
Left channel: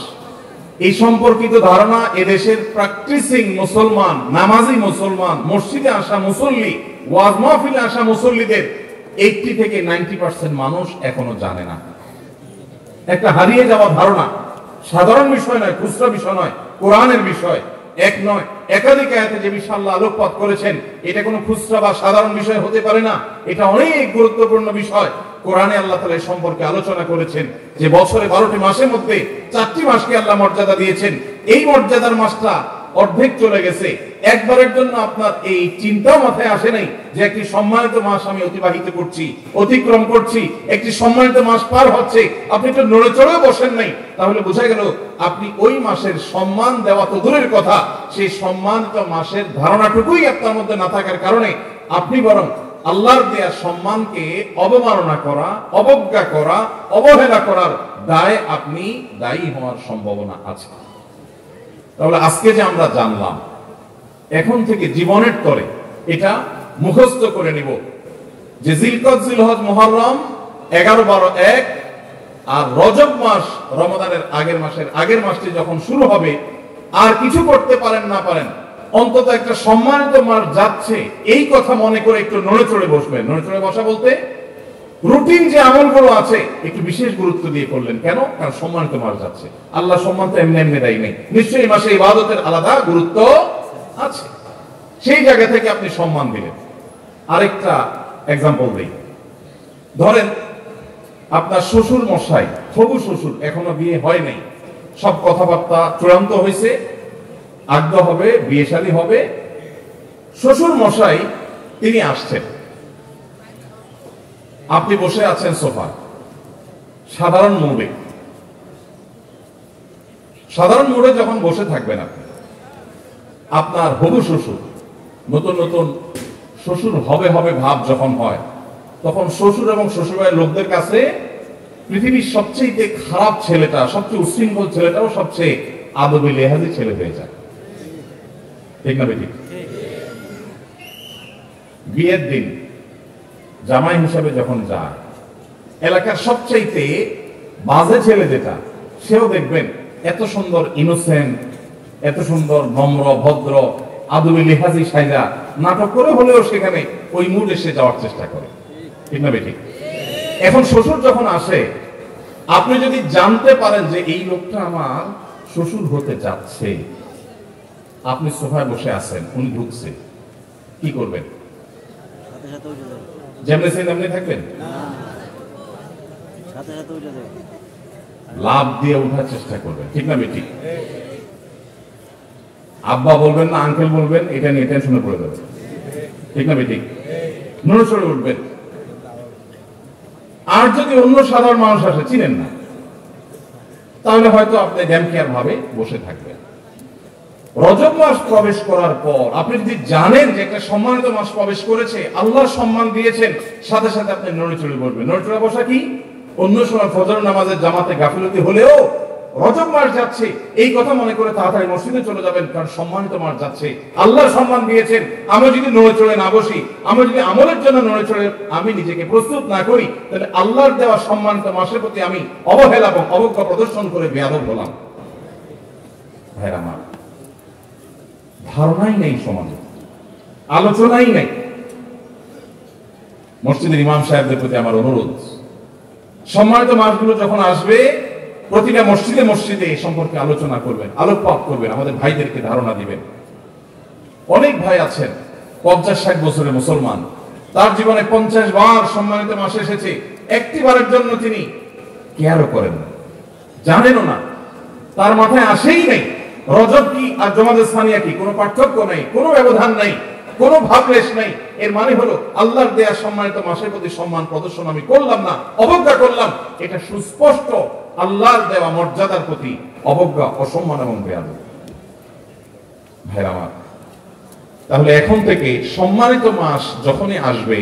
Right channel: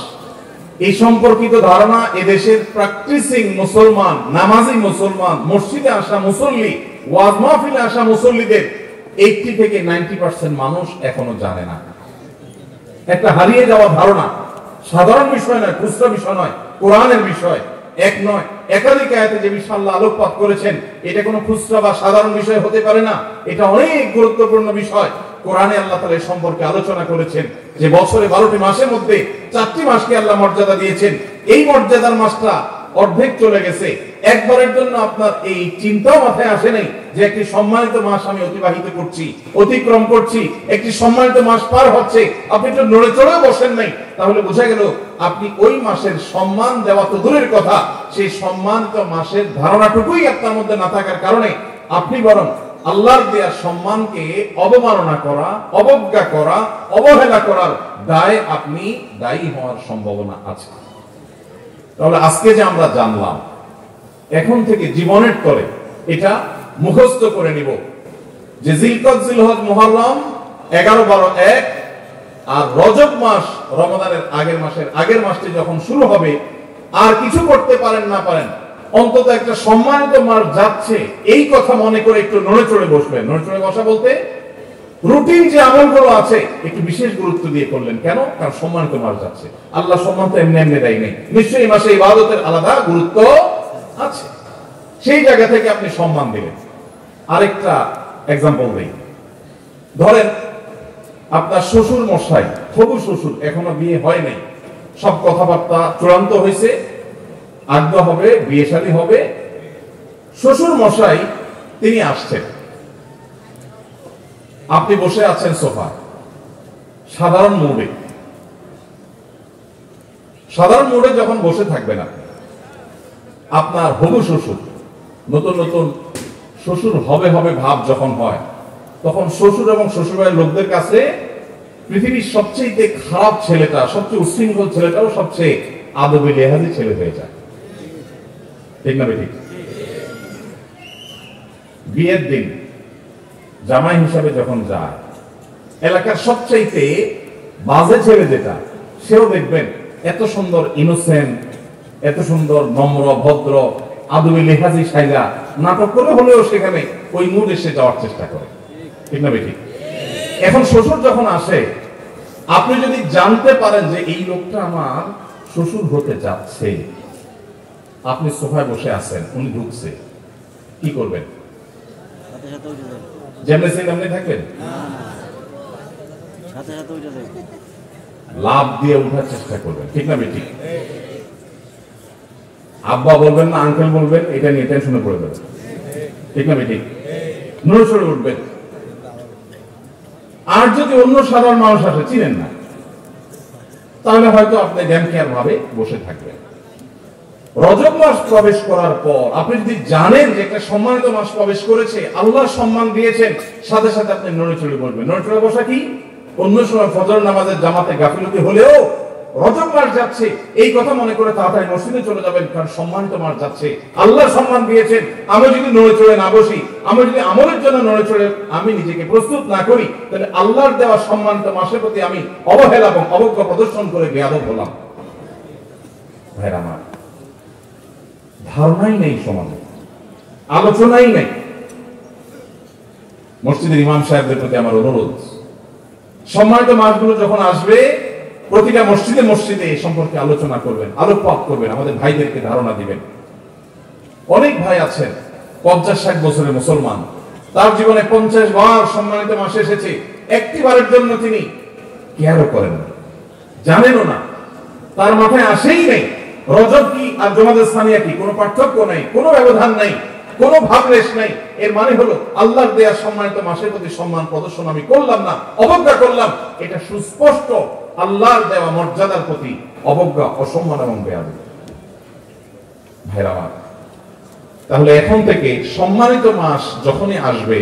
এই সম্পর্কিত ধারণা এদেশের প্র্যাকটিসিং মুসলমান, নামাজি মুসলমান, মসজিদে আসা মুসল্লি, ওয়াজ মাহফিলে আসা মুসল্লিদের 80 থেকে 90% মানুষ এখনো জানে না। একটা হারিয়ে যাওয়া ধারণা, সাধারণ বিষয় নয়, খুচরা বিষয় নয়, কোরআনের বিষয়, এক নয় একাধিক আয়াতে যে বিষয় আল্লাহ আলোকপাত করেছেন, এটা কোনো খুচরা বা সাধারণ বিষয় হতে পারে না, এটা অনেক গুরুত্বপূর্ণ বিষয়। কোরআনে আল্লাহ তাআলা এই সম্পর্কে আলোচনা করেছেন যে বছরে 12টি মাসের মধ্যে 4টি মাসকে আল্লাহ মর্যাদা দিয়েছেন। এই মর্যাদার মাসটা অর্ধেক চলে গেছে, একবারের জন্য আপনার এই চিন্তাও মাথায় আসে নাই যে একটি সম্মানিত মাস আমি অতিবাহিত করছি, অতিক্রম করছি, একটি সম্মানিত মাস পার হচ্ছে, আপনি তো নড়ে চড়েও বসেন নাই, তাহলে বোঝা গেল আপনি ওই মাসের সম্মান দেওয়া তো দূরের কথা, সেই সম্মানিত মাসের ধারণাটুকুই আপনার মধ্যে না থাকার কারণে আপনি বরং আল্লাহর দেওয়ার সম্মানকে অবমাননা করা, অবজ্ঞা করা, অবহেলা করার দায় আপনি দায়ী হওয়ার সম্ভাবনা আছে। তাহলে আজকে যে আমরা জানলাম, এখন থেকে জীবনের তরে এটা মুখস্থ করে নিব যে জিলকদ, জিলহজ, মুহররম 11, 12, 1 আর রজব মাস, রমাদানের আগের মাসটি যখন শুরু হবে, আর কিছু করতে পারেন না পারেন, অন্তত একটা সম্মানিত মাস যাচ্ছে এই কথা মনে করে একটু নড়ে চড়ে বসবেন। নড়ে চড়ে বসা বলতে রুটিন যে আমলগুলো আছে একটু বিশেষ গুরুত্ব দিয়ে করলেন। কেন? কারণ সম্মানিত মাস যাচ্ছে, আল্লাহ সম্মান তো এমনি এমনি দেয় নেই, নিশ্চয়ই এই মাসে ইবাদতের আলাদা গুরুত্ব আছে, সেই জায়গা থেকে আপনি সম্মান দিলেন। আরেকটা এক্সাম্পল দিই, ধরেন আপনার শ্বশুর মশাই, হবু শ্বশুর, এখনো বিয়ে হয় নাই, সব কথাবার্তা চূড়ান্ত হয়েছে, আগ্রহ হবে, বিয়ে শাদী হবে, শ্বশুর মশাই তিনি আসছেন, আপনি বসে আছেন সোফা, সাধারণ মোড়ে যখন বসে থাকবেন আপনার হবু শ্বশুর, নতুন নতুন শ্বশুর হবে ভাব যখন হয়, তখন শ্বশুর এবং শ্বশুরবাড়ির লোকদের কাছে পৃথিবীর সবচেয়ে খারাপ ছেলেটা, সবচেয়ে উচ্ছৃঙ্খল ছেলেটাও সবচেয়ে আদবে লেহাজি ছেলে হয়ে যায়, ঠিক না বেঠিক? বিয়ের দিন জামাই হিসাবে যখন যায়, এলাকার সবচাইতে বাজে ছেলে যেটা, সেও দেখবেন এত সুন্দর ইনোসেন্ট, এত সুন্দর নম্র ভদ্র আদবে লেহাজি সাইজা নাটক করে হলেও সেখানে ওই মুড এসে যাওয়ার চেষ্টা করে, ঠিক না বেঠিক? এখন শ্বশুর যখন আসে, আপনি যদি জানতে পারেন যে এই লোকটা আমার শ্বশুর হতে যাচ্ছে, আপনি সোফায় বসে আছেন, উনি ঢুকছে, কি করবেন? যেমনি সেমনি থাকবেন? লাভ দিয়ে উঠার চেষ্টা করবেন, ঠিক না বেঠিক? আব্বা বলবেন না আঙ্কেল বলবেন, এটা নিয়ে টেনশনে পড়ে যাবে, ঠিক না বেঠিক? নড়ে চড়ে উঠবেন। আর যদি অন্য সাধারণ মানুষ আসে, চিনেন না, তাহলে হয়তো আপনি ড্যাম কেয়ার ভাবে বসে থাকবেন। রজব মাস প্রবেশ করার পর আপনি যদি জানেন যে একটা সম্মানিত মাস প্রবেশ করেছে, আল্লাহ সম্মান দিয়েছেন, সাথে সাথে আপনি নড়ে চড়ে বসবেন। নড়ে চড়ে বসা কি? অন্য সময় ফজর নামাজের জামাতে গাফিলতি হলেও রজব মাস যাচ্ছে এই কথা মনে করে তাড়াতাড়ি মসজিদে চলে যাবেন, কারণ সম্মানিত মাস যাচ্ছে, আল্লাহ সম্মান দিয়েছেন। আমি যদি নড়ে চড়ে না বসি, আমি যদি আমলের জন্য নড়ে চড়ে আমি নিজেকে প্রস্তুত না করি, তাহলে আল্লাহর দেওয়া সম্মানিত মাসের প্রতি আমি অবহেলা এবং অবজ্ঞা প্রদর্শন করে বেয়াদব হলাম। ভাইরা আমার, ধারণাই নেই সমাজে, আলোচনাই নেই। মসজিদের ইমাম সাহেবদের প্রতি আমার অনুরোধ, সম্মানিত মাসগুলো যখন আসবে প্রতিটা মসজিদে এই সম্পর্কে আলোচনা করবেন, আলোকপাত করবেন, আমাদের ভাইদেরকে ধারণা দিবেন। অনেক ভাই আছেন 50-60 বছরের মুসলমান, তার জীবনে 50 বার সম্মানিত মাস এসেছে, একটি বারের জন্য তিনি কেয়ারও করেন না, জানেনও না, তার মাথায় আসেই নেই রজব কি আর জমাদের সানিয়া কি, কোনো পার্থক্য নেই, কোনো ব্যবধান নাই, কোনো ভাবলেশ নেই। এর মানে হলো আল্লাহর দেয়া সম্মানিত মাসের প্রতি সম্মান প্রদর্শন আমি করলাম না, অবজ্ঞা করলাম, এটা সুস্পষ্ট আল্লাহর দেওয়া মর্যাদার প্রতি অবজ্ঞা, অসম্মান এবং বেয়াদবি। ভাইরা আমার, তাহলে এখন থেকে সম্মানিত মাস যখনই আসবে,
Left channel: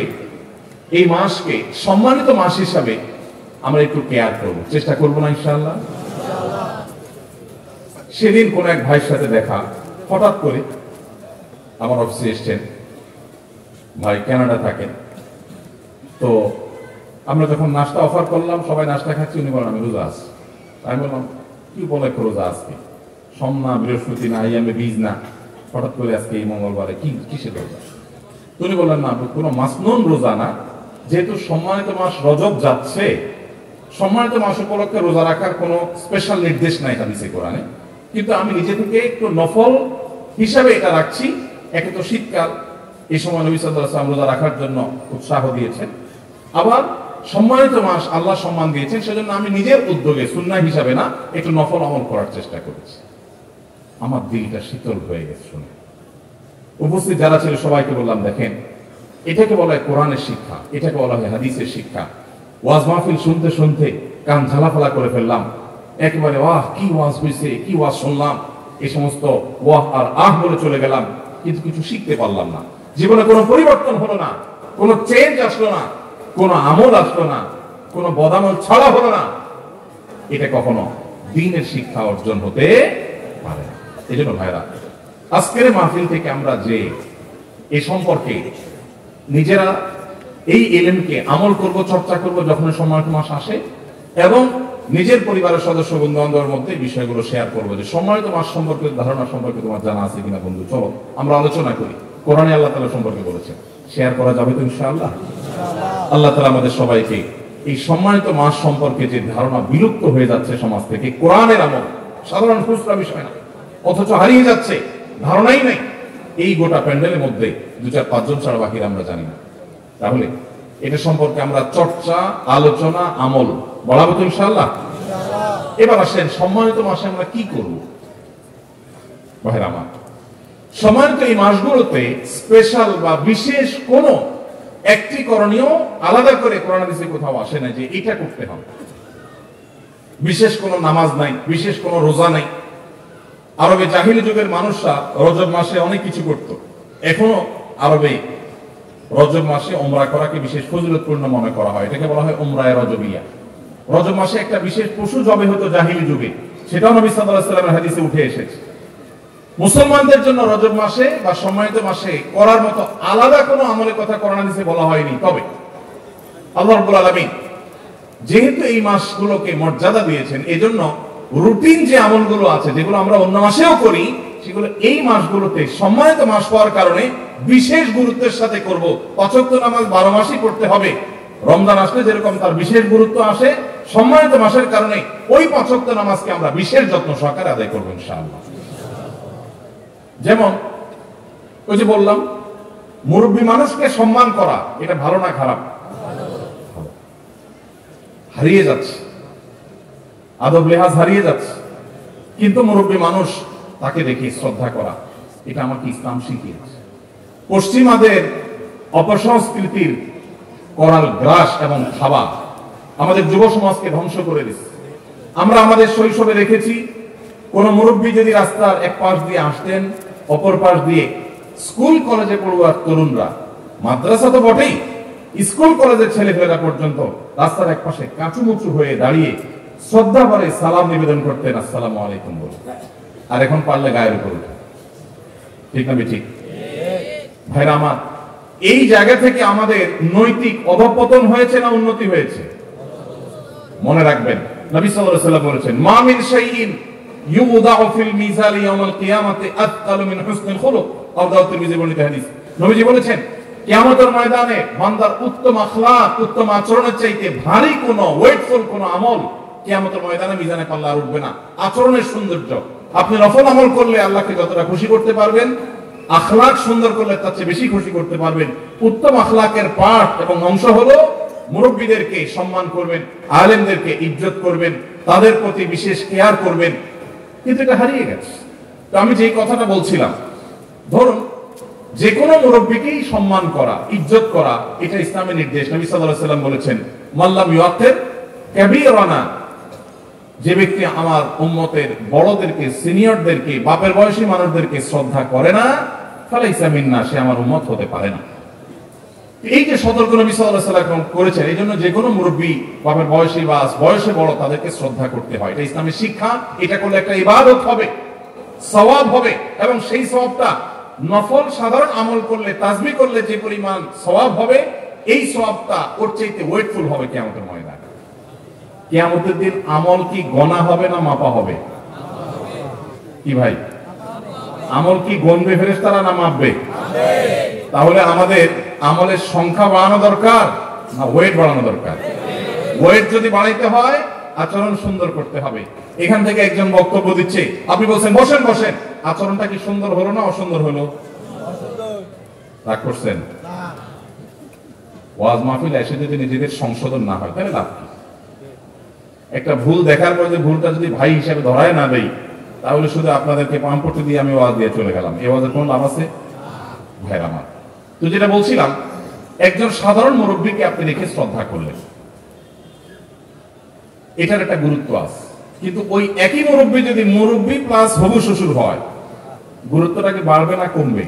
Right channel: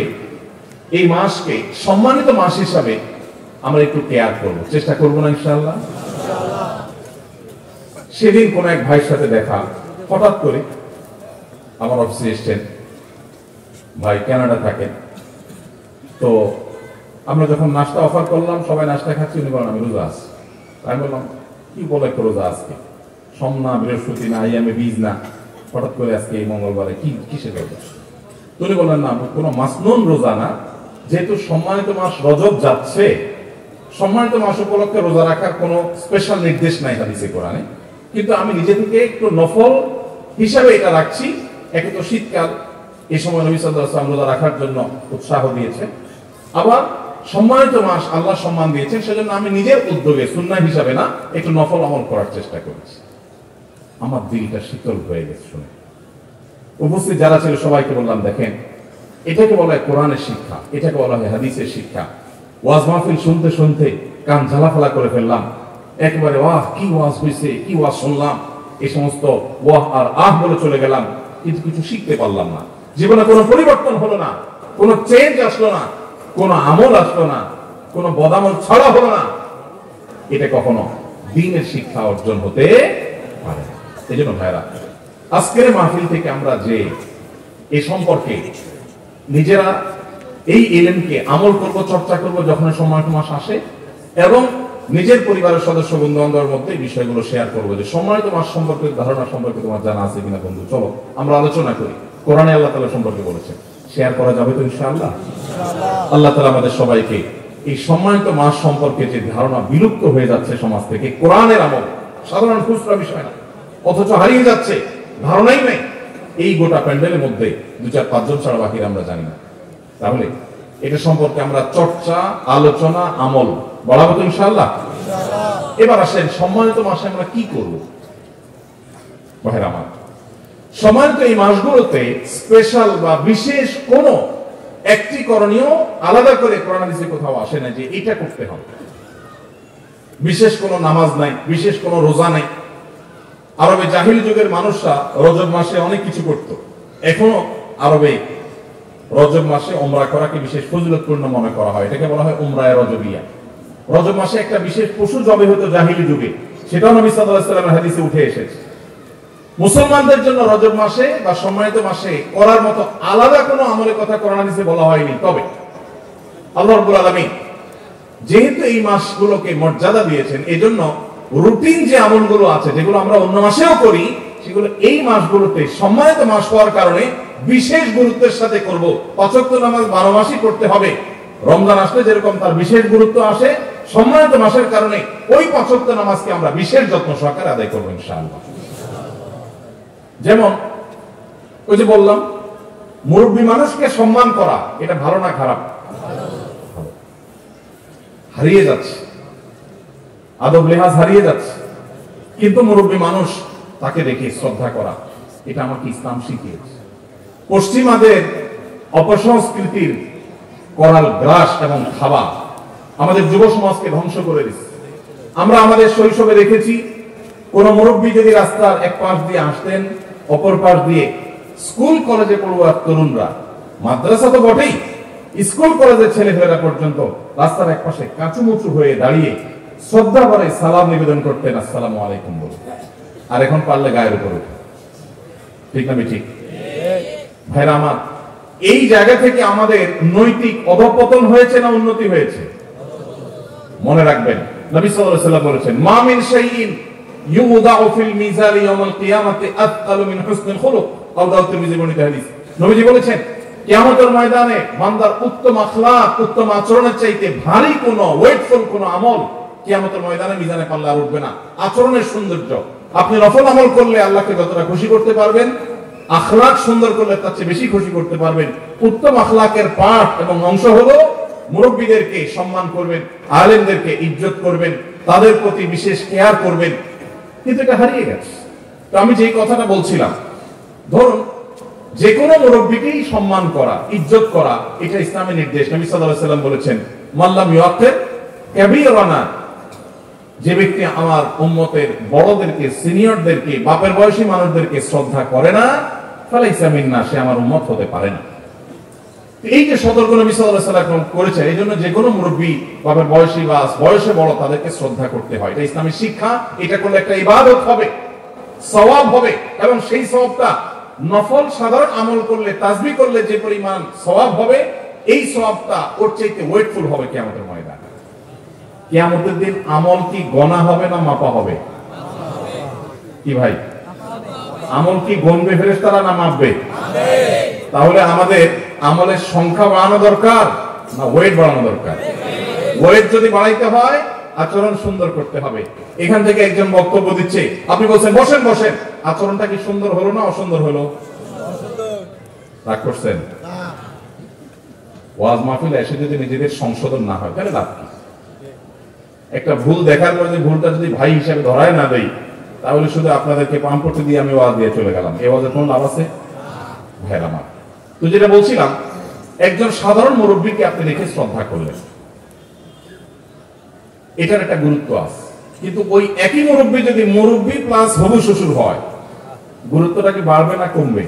এই মাসকে সম্মানিত মাস হিসাবে আমরা একটু কেয়ার করব, চেষ্টা করবো না ইনশাআল্লাহ? সেদিন কোন এক ভাইয়ের সাথে দেখা, হঠাৎ করে আমার অফিসে এসছেন, ভাই কানাডা থাকেন, তো আমরা যখন নাস্তা অফার করলাম, সবাই নাস্তা খাচ্ছি, উনি বলেন আমি রোজা আছি। আমি বললাম কি বলে রোজা আজকে, সোম না, বৃহস্পতি না, আইয়ামে বীজ না, হঠাৎ করে আজকে এই মঙ্গলবারে কিসের রোজা? উনি বললেন না, কোনো মাসনুন রোজা না, যেহেতু সম্মানিত মাস রজব যাচ্ছে, সম্মানিত মাস উপলক্ষে রোজা রাখার কোনো স্পেশাল নির্দেশ নাই হাদিসে কোরআনে, কিন্তু আমি নিজে থেকে একটু নফল হিসাবে এটা রাখছি। একে তো শীতকাল, এই সময় নবী সাল্লাল্লাহু আলাইহি ওয়াসাল্লাম রোজা রাখার জন্য উৎসাহ দিয়েছেন, আবার সম্মানিত মাস আল্লাহ সম্মান দিয়েছেন, সেজন্য আমি নিজের উদ্যোগে সুন্নাহ হিসাবে না একটু নফল আমল করার চেষ্টা করেছি। আমার দিলটা শীতল হয়ে গেছে শুনে। উপস্থিত যারা ছিল সবাইকে বললাম, দেখেন, এটাকে বলা হয় কোরআনের শিক্ষা, এটাকে বলা হয় হাদিসের শিক্ষা। ওয়াজ মাহফিল শুনতে শুনতে কান ঝালাফালা করে ফেললাম, একবারে ওয়াহ কি ওয়াজ হয়েছে, কি ওয়াজ শুনলাম, এই সমস্ত ওয়াহ আর আহ বলে চলে গেলাম, কিন্তু কিছু শিখতে পারলাম না। জীবনে কোনো পরিবর্তন হলো না, কোনো চেঞ্জ আসলো না, কোনো আমল আসলো না, কোনো বদামল ছড়া হলো না। এটা কখনো দ্বীনের শিক্ষা অর্জন হতে পারে না। এই জন্য ভাইরা, আজকের মাহফিল থেকে আমরা যে এ সম্পর্কে নিজেরা এই ইলমকে আমল করব, চর্চা করব যখন সম্মানিত মাস আসে, এবং নিজের পরিবারের সদস্য বন্ধু বান্ধবের মধ্যে বিষয়গুলো শেয়ার করবো যে সম্মানিত মাস সম্পর্কে ধারণা সম্পর্কে তোমার জানা আছে কিনা বন্ধু, চলো আমরা আলোচনা করি। কোরআনে আল্লাহ তাআলা সম্পর্কে বলেছেন, শেয়ার করা যাবে তো ইনশাআল্লাহ। আল্লাহ তাআলা আমাদের সবাইকে এই সম্মানিত মাস সম্পর্কে যে ধারণা বিলুপ্ত হয়ে যাচ্ছে সমাজ থেকে, কোরআনের আমল সাধারণ খুচরা বিষয় না, অথচ হারিয়ে যাচ্ছে, ধারণাই নেই, এই গোটা প্যান্ডেলের মধ্যে 2-4-5 জন ছাড়া বাকিরা আমরা জানি না। তাহলে এটা সম্পর্কে আমরা চর্চা, আলোচনা, আমল বলা হতো ইনশাআল্লাহ। এবার আসেন সম্মানিত মাসে আমরা কি করব। ভাইরা আমার, সম্মানিত এই মাসগুলোতে স্পেশাল বা বিশেষ কোন একটি করণীয় আলাদা করে কোরআন হাদিসে কোথাও আসে না যে এটা করতে হবে। বিশেষ কোন নামাজ নাই, বিশেষ কোন রোজা নাই। আরবে জাহিলি যুগের মানুষরা রজব মাসে অনেক কিছু করত। এখনো আরবে রজব মাসে উমরা করাকে বিশেষ ফজিলতপূর্ণ মনে করা হয়, এটাকে বলা হয় উমরায়ে রজবিয়া। রজব মাসে একটা বিশেষ পশু জবে হতো জাহিলি যুগে, সেটাও নবী সাল্লাল্লাহু আলাইহি ওয়াসাল্লামের হাদিসে উঠে এসেছে। মুসলমানদের জন্য রজব মাসে বা সম্মানিত মাসে করার মতো আলাদা কোনো আমলের কথা কোরআন হাদিসে বলা হয়নি। তবে আল্লাহ রাব্বুল আলামিন যেহেতু এই মাসগুলোকে মর্যাদা দিয়েছেন, এজন্য রুটিন যে আমলগুলো আছে যেগুলো আমরা অন্য মাসেও করি, সেগুলো এই মাসগুলোতে সম্মানিত মাস হওয়ার কারণে বিশেষ গুরুত্বের সাথে করব। 5 ওয়াক্ত নামাজ 12 মাসই পড়তে হবে। রমজান আসলে যেরকম তার বিশেষ গুরুত্ব আসে, সম্মানিত মাসের কারণে ওই 5 ওয়াক্ত নামাজকে আমরা বিশেষ যত্ন সহকারে আদায় করব ইনশাআল্লাহ। যেমন ওই যে বললাম, মুরব্বী মানুষকে সম্মান করা, এটা ভালো না খারাপ? হারিয়ে যাচ্ছে, আদব লেহাজ হারিয়ে যাচ্ছে। কিন্তু মুরব্বী মানুষ, তাকে দেখে শ্রদ্ধা করা, এটা আমাকে ইসলাম শিখিয়েছে। পশ্চিমাদের অপসংস্কৃতির করাল গ্রাস এবং খাওয়া আমাদের যুব সমাজকে ধ্বংস করে দিচ্ছে। আমরা আমাদের শৈশবে দেখেছি, কোন মুরব্বী যদি রাস্তার এক পাশ দিয়ে আসতেন, অপর পাশ দিয়ে স্কুল কলেজে পড়ুয়া তরুণরা, মাদ্রাসা তো বটেই, স্কুল কলেজের ছেলেমেয়েরা পর্যন্ত রাস্তার এক পাশে কাঁচুমুচু হয়ে দাঁড়িয়ে শ্রদ্ধা করে সালাম নিবেদন করতেন, আসসালামু আলাইকুম বলে। আর এখন পারলে গায়ের উপরে, ঠিক না ঠিক? ভাইরা আমার, এই জায়গা থেকে আমাদের নৈতিক অধঃপতন হয়েছে না উন্নতি হয়েছে? মনে রাখবেন, নবী সাল্লাল্লাহু আলাইহি ওয়াসাল্লাম বলেছেন, মা মিন শাইইন ইউদাউ ফিল মিজানি ইয়াউমাল কিয়ামাতি আতকালু মিন হুসনিল খুলুক। আবু তিরমিজি বর্ণিত হাদিস। নবীজি বলেছেন, কিয়ামতের ময়দানে বান্দার উত্তম আখলাক, উত্তম আচরণের চাইতে ভারী কোন ওয়েটফুল কোন আমল কিয়ামতের ময়দানে মিজানে পাল্লা উঠবে না। আচরণের সৌন্দর্য, আপনি নফল আমল করলে আল্লাহকে যতটা খুশি করতে পারবেন, আখলাক সুন্দর করলে তার চেয়ে বেশি খুশি করতে পারবেন। উত্তম আখলাকের পাঠ এবং অংশ হলো মুরব্বীদেরকে সম্মান করবেন, আলেমদেরকে ইজ্জত করবেন, তাদের প্রতি বিশেষ কেয়ার করবেন। কিন্তু এটা হারিয়ে গেছে। তো আমি যে কথাটা বলছিলাম, ধরুন যে কোনো মুরব্বীকেই সম্মান করা, ইজ্জত করা, এটা ইসলামের নির্দেশ। নবী সাল্লাল্লাহু আলাইহি ওয়াসাল্লাম বলেছেন, মাল্লাম ইউআখির কাবীরানা, যে ব্যক্তি আমার উম্মতের বড়দেরকে, সিনিয়রদেরকে, বাপের বয়সী মানুষদেরকে শ্রদ্ধা করে না, ফালাইসা মিন্না, সে আমার উম্মত হতে পারে না। এই যে সতর্ক নবী সাল্লাল্লাহু আলাইহি ওয়াসাল্লাম করেছেন, এই জন্য যে কোনো মুরব্বী, বাপের বয়সী বা বয়সে বড়, তাদেরকে শ্রদ্ধা করতে হয়। এটা ইসলামের শিক্ষা। এটা করলে একটা ইবাদত হবে, সওয়াব হবে, এবং সেই সওয়াবটা নফল সাধারণ আমল করলে, তাসবিহ করলে যে পরিমাণ সওয়াব হবে, এই সওয়াবটা ওর চাইতে ওয়েটফুল হবে কিয়ামতের ময়দানে। কিয়ামতের দিন আমল কি গণা হবে না মাপা হবে? কি ভাই, আমল কি গণবে ফেরেশতারা না মাপবে? তাহলে আমাদের আমলের সংখ্যা বাড়ানো দরকার না ওয়েট বাড়ানো দরকার? ওয়েট যদি বাড়াইতে হয় আচরণ সুন্দর করতে হবে। এখান থেকে একজন বক্তব্য দিচ্ছে, আপনি বলছেন বসেন বসেন, আচরণটা কি সুন্দর হলো না অসুন্দর হলো? রাগ করছেন? ওয়াজ মাহফিলে এসে যদি নিজেদের সংশোধন না হয় তাহলে লাভ কি? একটা ভুল দেখার পর যে ভুলটা যদি ভাই হিসাবে ধরায় না দেই, তাহলে শুধু আপনাদেরকে পাম্পটি দিয়ে আমি ওয়াজ দিয়ে চলে গেলাম। এই ওয়াজের কোন লাভ আছে? ভাইরা আমার, তো যেটা বলছিলাম, একজন সাধারণ মুরব্বীকে আপনি রেখে শ্রদ্ধা করলেন, এটার একটা গুরুত্ব আছে। কিন্তু ওই একই মুরব্বী যদি মুরব্বী প্লাস হবু শ্বশুর হয়, গুরুত্বটা কি বাড়বে না কমবে?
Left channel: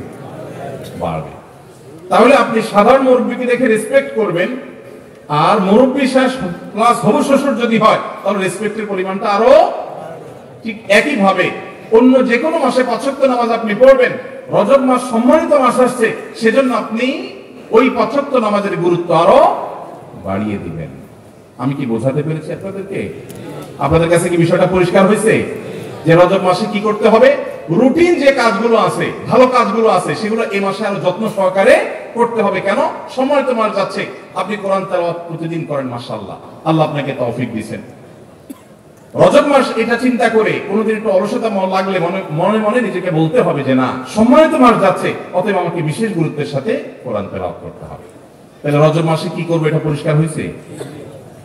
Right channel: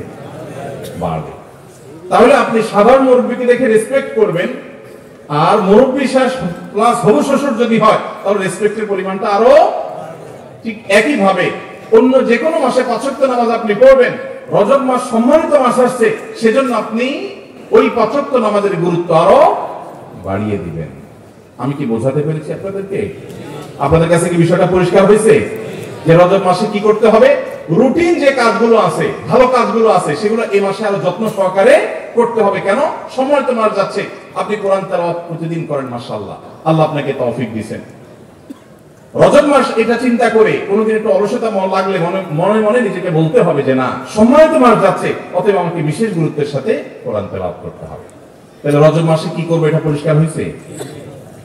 বাড়বে। তাহলে আপনি সাধারণ মুরব্বীকে দেখে রেসপেক্ট করবেন, আর মুরব্বী প্লাস হবু শ্বশুর যদি হয় তাহলে রেসপেক্টের পরিমাণটা আরো। ঠিক একই ভাবে অন্য যে কোনো মাসে 5 ওয়াক্ত নামাজ আপনি পড়বেন, রজব মাস সম্মানিত মাস আসছে, সেজন্য আপনি ওই 5 ওয়াক্ত নামাজের গুরুত্ব আরো বাড়িয়ে দিবেন। আমি কি বোঝাতে পেরেছি আপনাদেরকে? আপনাদের কাছে কি বিষয়টা পরিষ্কার হয়েছে যে রজব মাসে কি করতে হবে? রুটিন যে কাজগুলো আছে, ভালো কাজগুলো আছে, সেগুলো এই মাসে আরো যত্ন সহকারে করতে হবে। কেন? সম্মানিত মাস যাচ্ছে, আপনি কোরআন তেলাওয়াত প্রতিদিন করেন, মাশাআল্লাহ, আল্লাহ আপনাকে তৌফিক দিয়েছেন। রজব মাস এটা চিন্তা করে কোনোদিন একটু অলসতা লাগলে মনে মনে নিজেকে বলতে হবে যে না, সম্মানিত মাস যাচ্ছে, অতএব আমাকে বিশেষ গুরুত্বের সাথে কোরআন তেলাওয়াত করতে হবে। তাহলে রজব মাসে কি করবে এটা পরিষ্কার হয়েছে।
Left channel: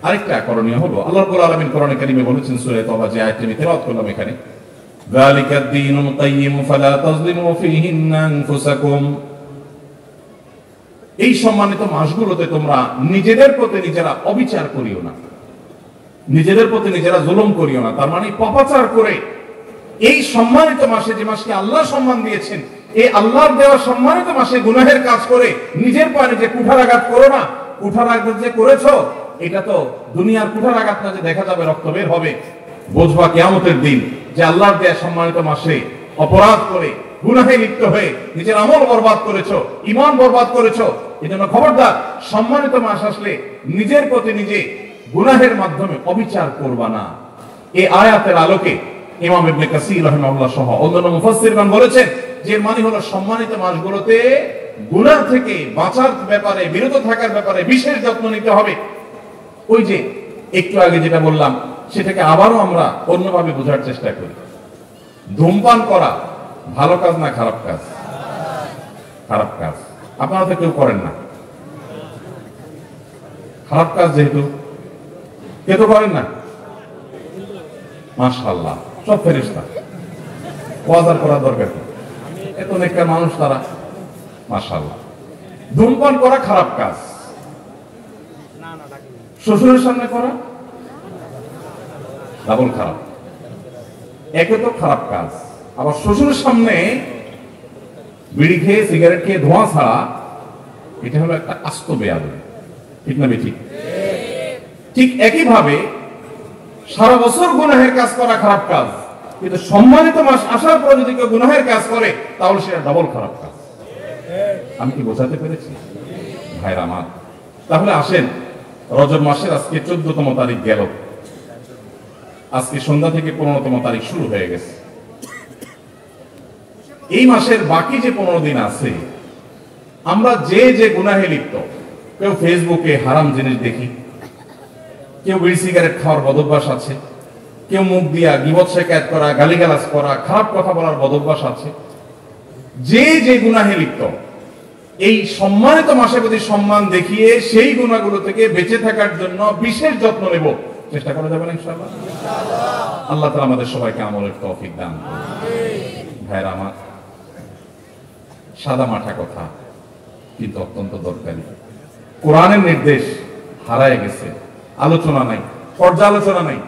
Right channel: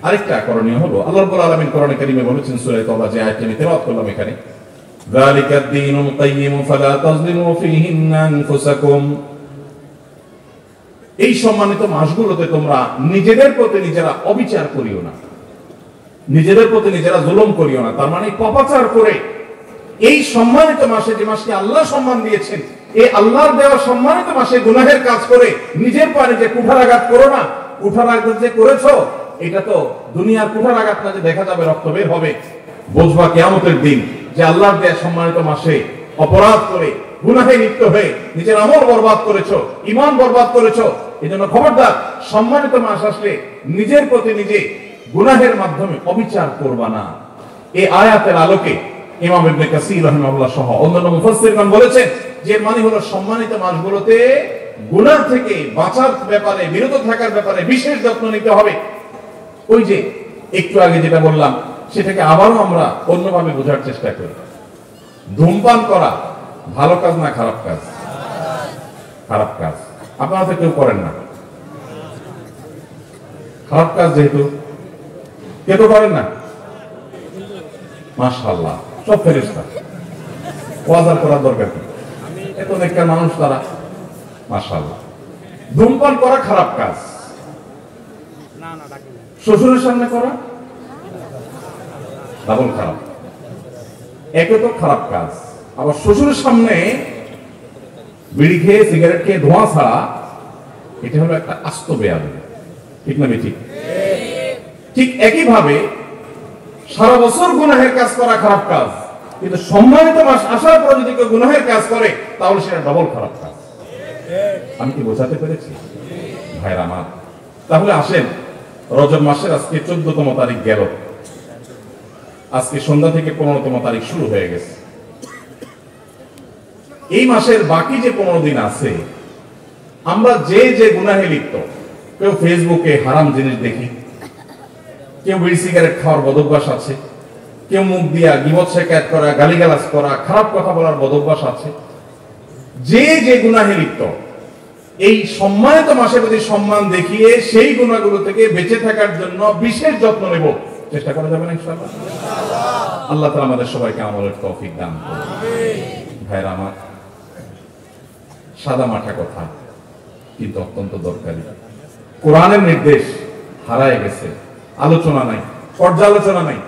আরেকটা করণীয় হলো, আল্লাহ রাব্বুল আলামিন কোরআনে কারীমে বলেছেন সূরা তাওবা, যে আয়াতটি আমি তেলাওয়াত করলাম এখানে, যালিকাদ দীনুল কাইয়্যিম ফালা তাজলিমু ফীহিন্না আনফুসাকুম। এই সম্মানিত মাসগুলোতে তোমরা নিজেদের প্রতি নিজেরা অবিচার করিও না, নিজেদের প্রতি নিজেরা জুলুম করিও না। তার মানে পাপাচার করে এই সম্মানিত মাসে, যে মাসকে আল্লাহ সম্মান দিয়েছেন, এই আল্লাহর দেওয়া সম্মানিত মাসে গুনাহের কাজ করে নিজের পা নিজে কুঠারাঘাত করো না। কুঠারাঘাত যে করেছো, এটা তো দুনিয়ার কুঠারাঘাত না, যে দেখা যাবে রক্ত বের হবে, বুঝবা কিয়ামতের দিন যে আল্লাহর দেওয়া সম্মানিত মাসে অপরাধ করে গুনাহে লিপ্ত হয়ে নিজের আমল বরবাদ করেছো, ঈমান বরবাদ করেছো। এজন্য খবরদার, সম্মানিত মাস আসলে নিজের প্রতি নিজে গুনাহের মাধ্যমে অবিচার করবা না। এই আয়াতের আলোকে ইমাম ইবনে কাসীর রাহিমাহুল্লাহ সহ অন্যান্য মুফাসসিরগণ বলেছেন যে মানে হলো সম্মানিত মাসগুলোতে গুনাহ থেকে বাঁচার ব্যাপারে, বিরত থাকার ব্যাপারে বিশেষ যত্ন নিতে হবে। ওই যে একটু আগে যেটা বললাম, সেটাকে আবারও আমরা অন্যভাবে বোঝার চেষ্টা করি। ধূমপান করা ভালো কাজ না খারাপ কাজ? খারাপ কাজ। আপনারা তো কেউ করেন না, খারাপ কাজ যেহেতু কেউ তো করেন না, মাশাআল্লাহ, সব ফেরেশতা, ওয়াজ করার দরকার নেই, এত নেককার মানুষ তারা, মাশাআল্লাহ। ধূমপান করা খারাপ কাজ, শ্বশুরের সামনে করা ডাবল খারাপ। একে তো খারাপ কাজ, আবার শ্বশুরের সামনে বিড়ি খেয়ে সিগারেট খেয়ে ধোঁয়া ছাড়া, এটা হলো একটা আস্ত বেয়াদবি। ঠিক না ঠিক? ঠিক একই ভাবে সারা বছর গুনাহের কাজ করা খারাপ কাজ, কিন্তু সম্মানিত মাস আসার পর যদি কেউ গুনাহের কাজ করে তাহলে সেটা ডবল খারাপ কাজ। আমি কি বোঝাতে পেরেছি ভাইরা আমার? তাহলে আসেন, রজব মাসের আজকে 14তম তারিখ গেল, আজকে সন্ধ্যা থেকে 15তম তারিখ শুরু হয়ে গেছে। এই মাসের বাকি যে 15 দিন আছে, আমরা যে যে গুনাহে লিপ্ত, কেউ ফেসবুকে হারাম জিনিস দেখি, কেউ বিড়ি সিগারেট খাওয়ার বদভ্যাস আছে, কেউ মুখ দিয়া গীবত শিকায়ত করা, গালিগালাজ করা, খারাপ কথা বলার বদভ্যাস আছে। যে যে গুনাহে লিপ্ত, এই সম্মানিত মাসে যদি সম্মান দেখিয়ে সেই গুনাহগুলো থেকে বেঁচে থাকার জন্য বিশেষ যত্ন নেব, চেষ্টা করা যাবে না ইনশাআল্লাহ? আল্লাহ তাআলা আমাদের সবাইকে আমলের তৌফিক দান করুন। ভাইরা আমার, সাদা মাঠা কথা কিন্তু অত্যন্ত দরকারি। কোরআনের নির্দেশ হারায় গেছে, আলোচনা নাই, পর্যালোচনা নাই,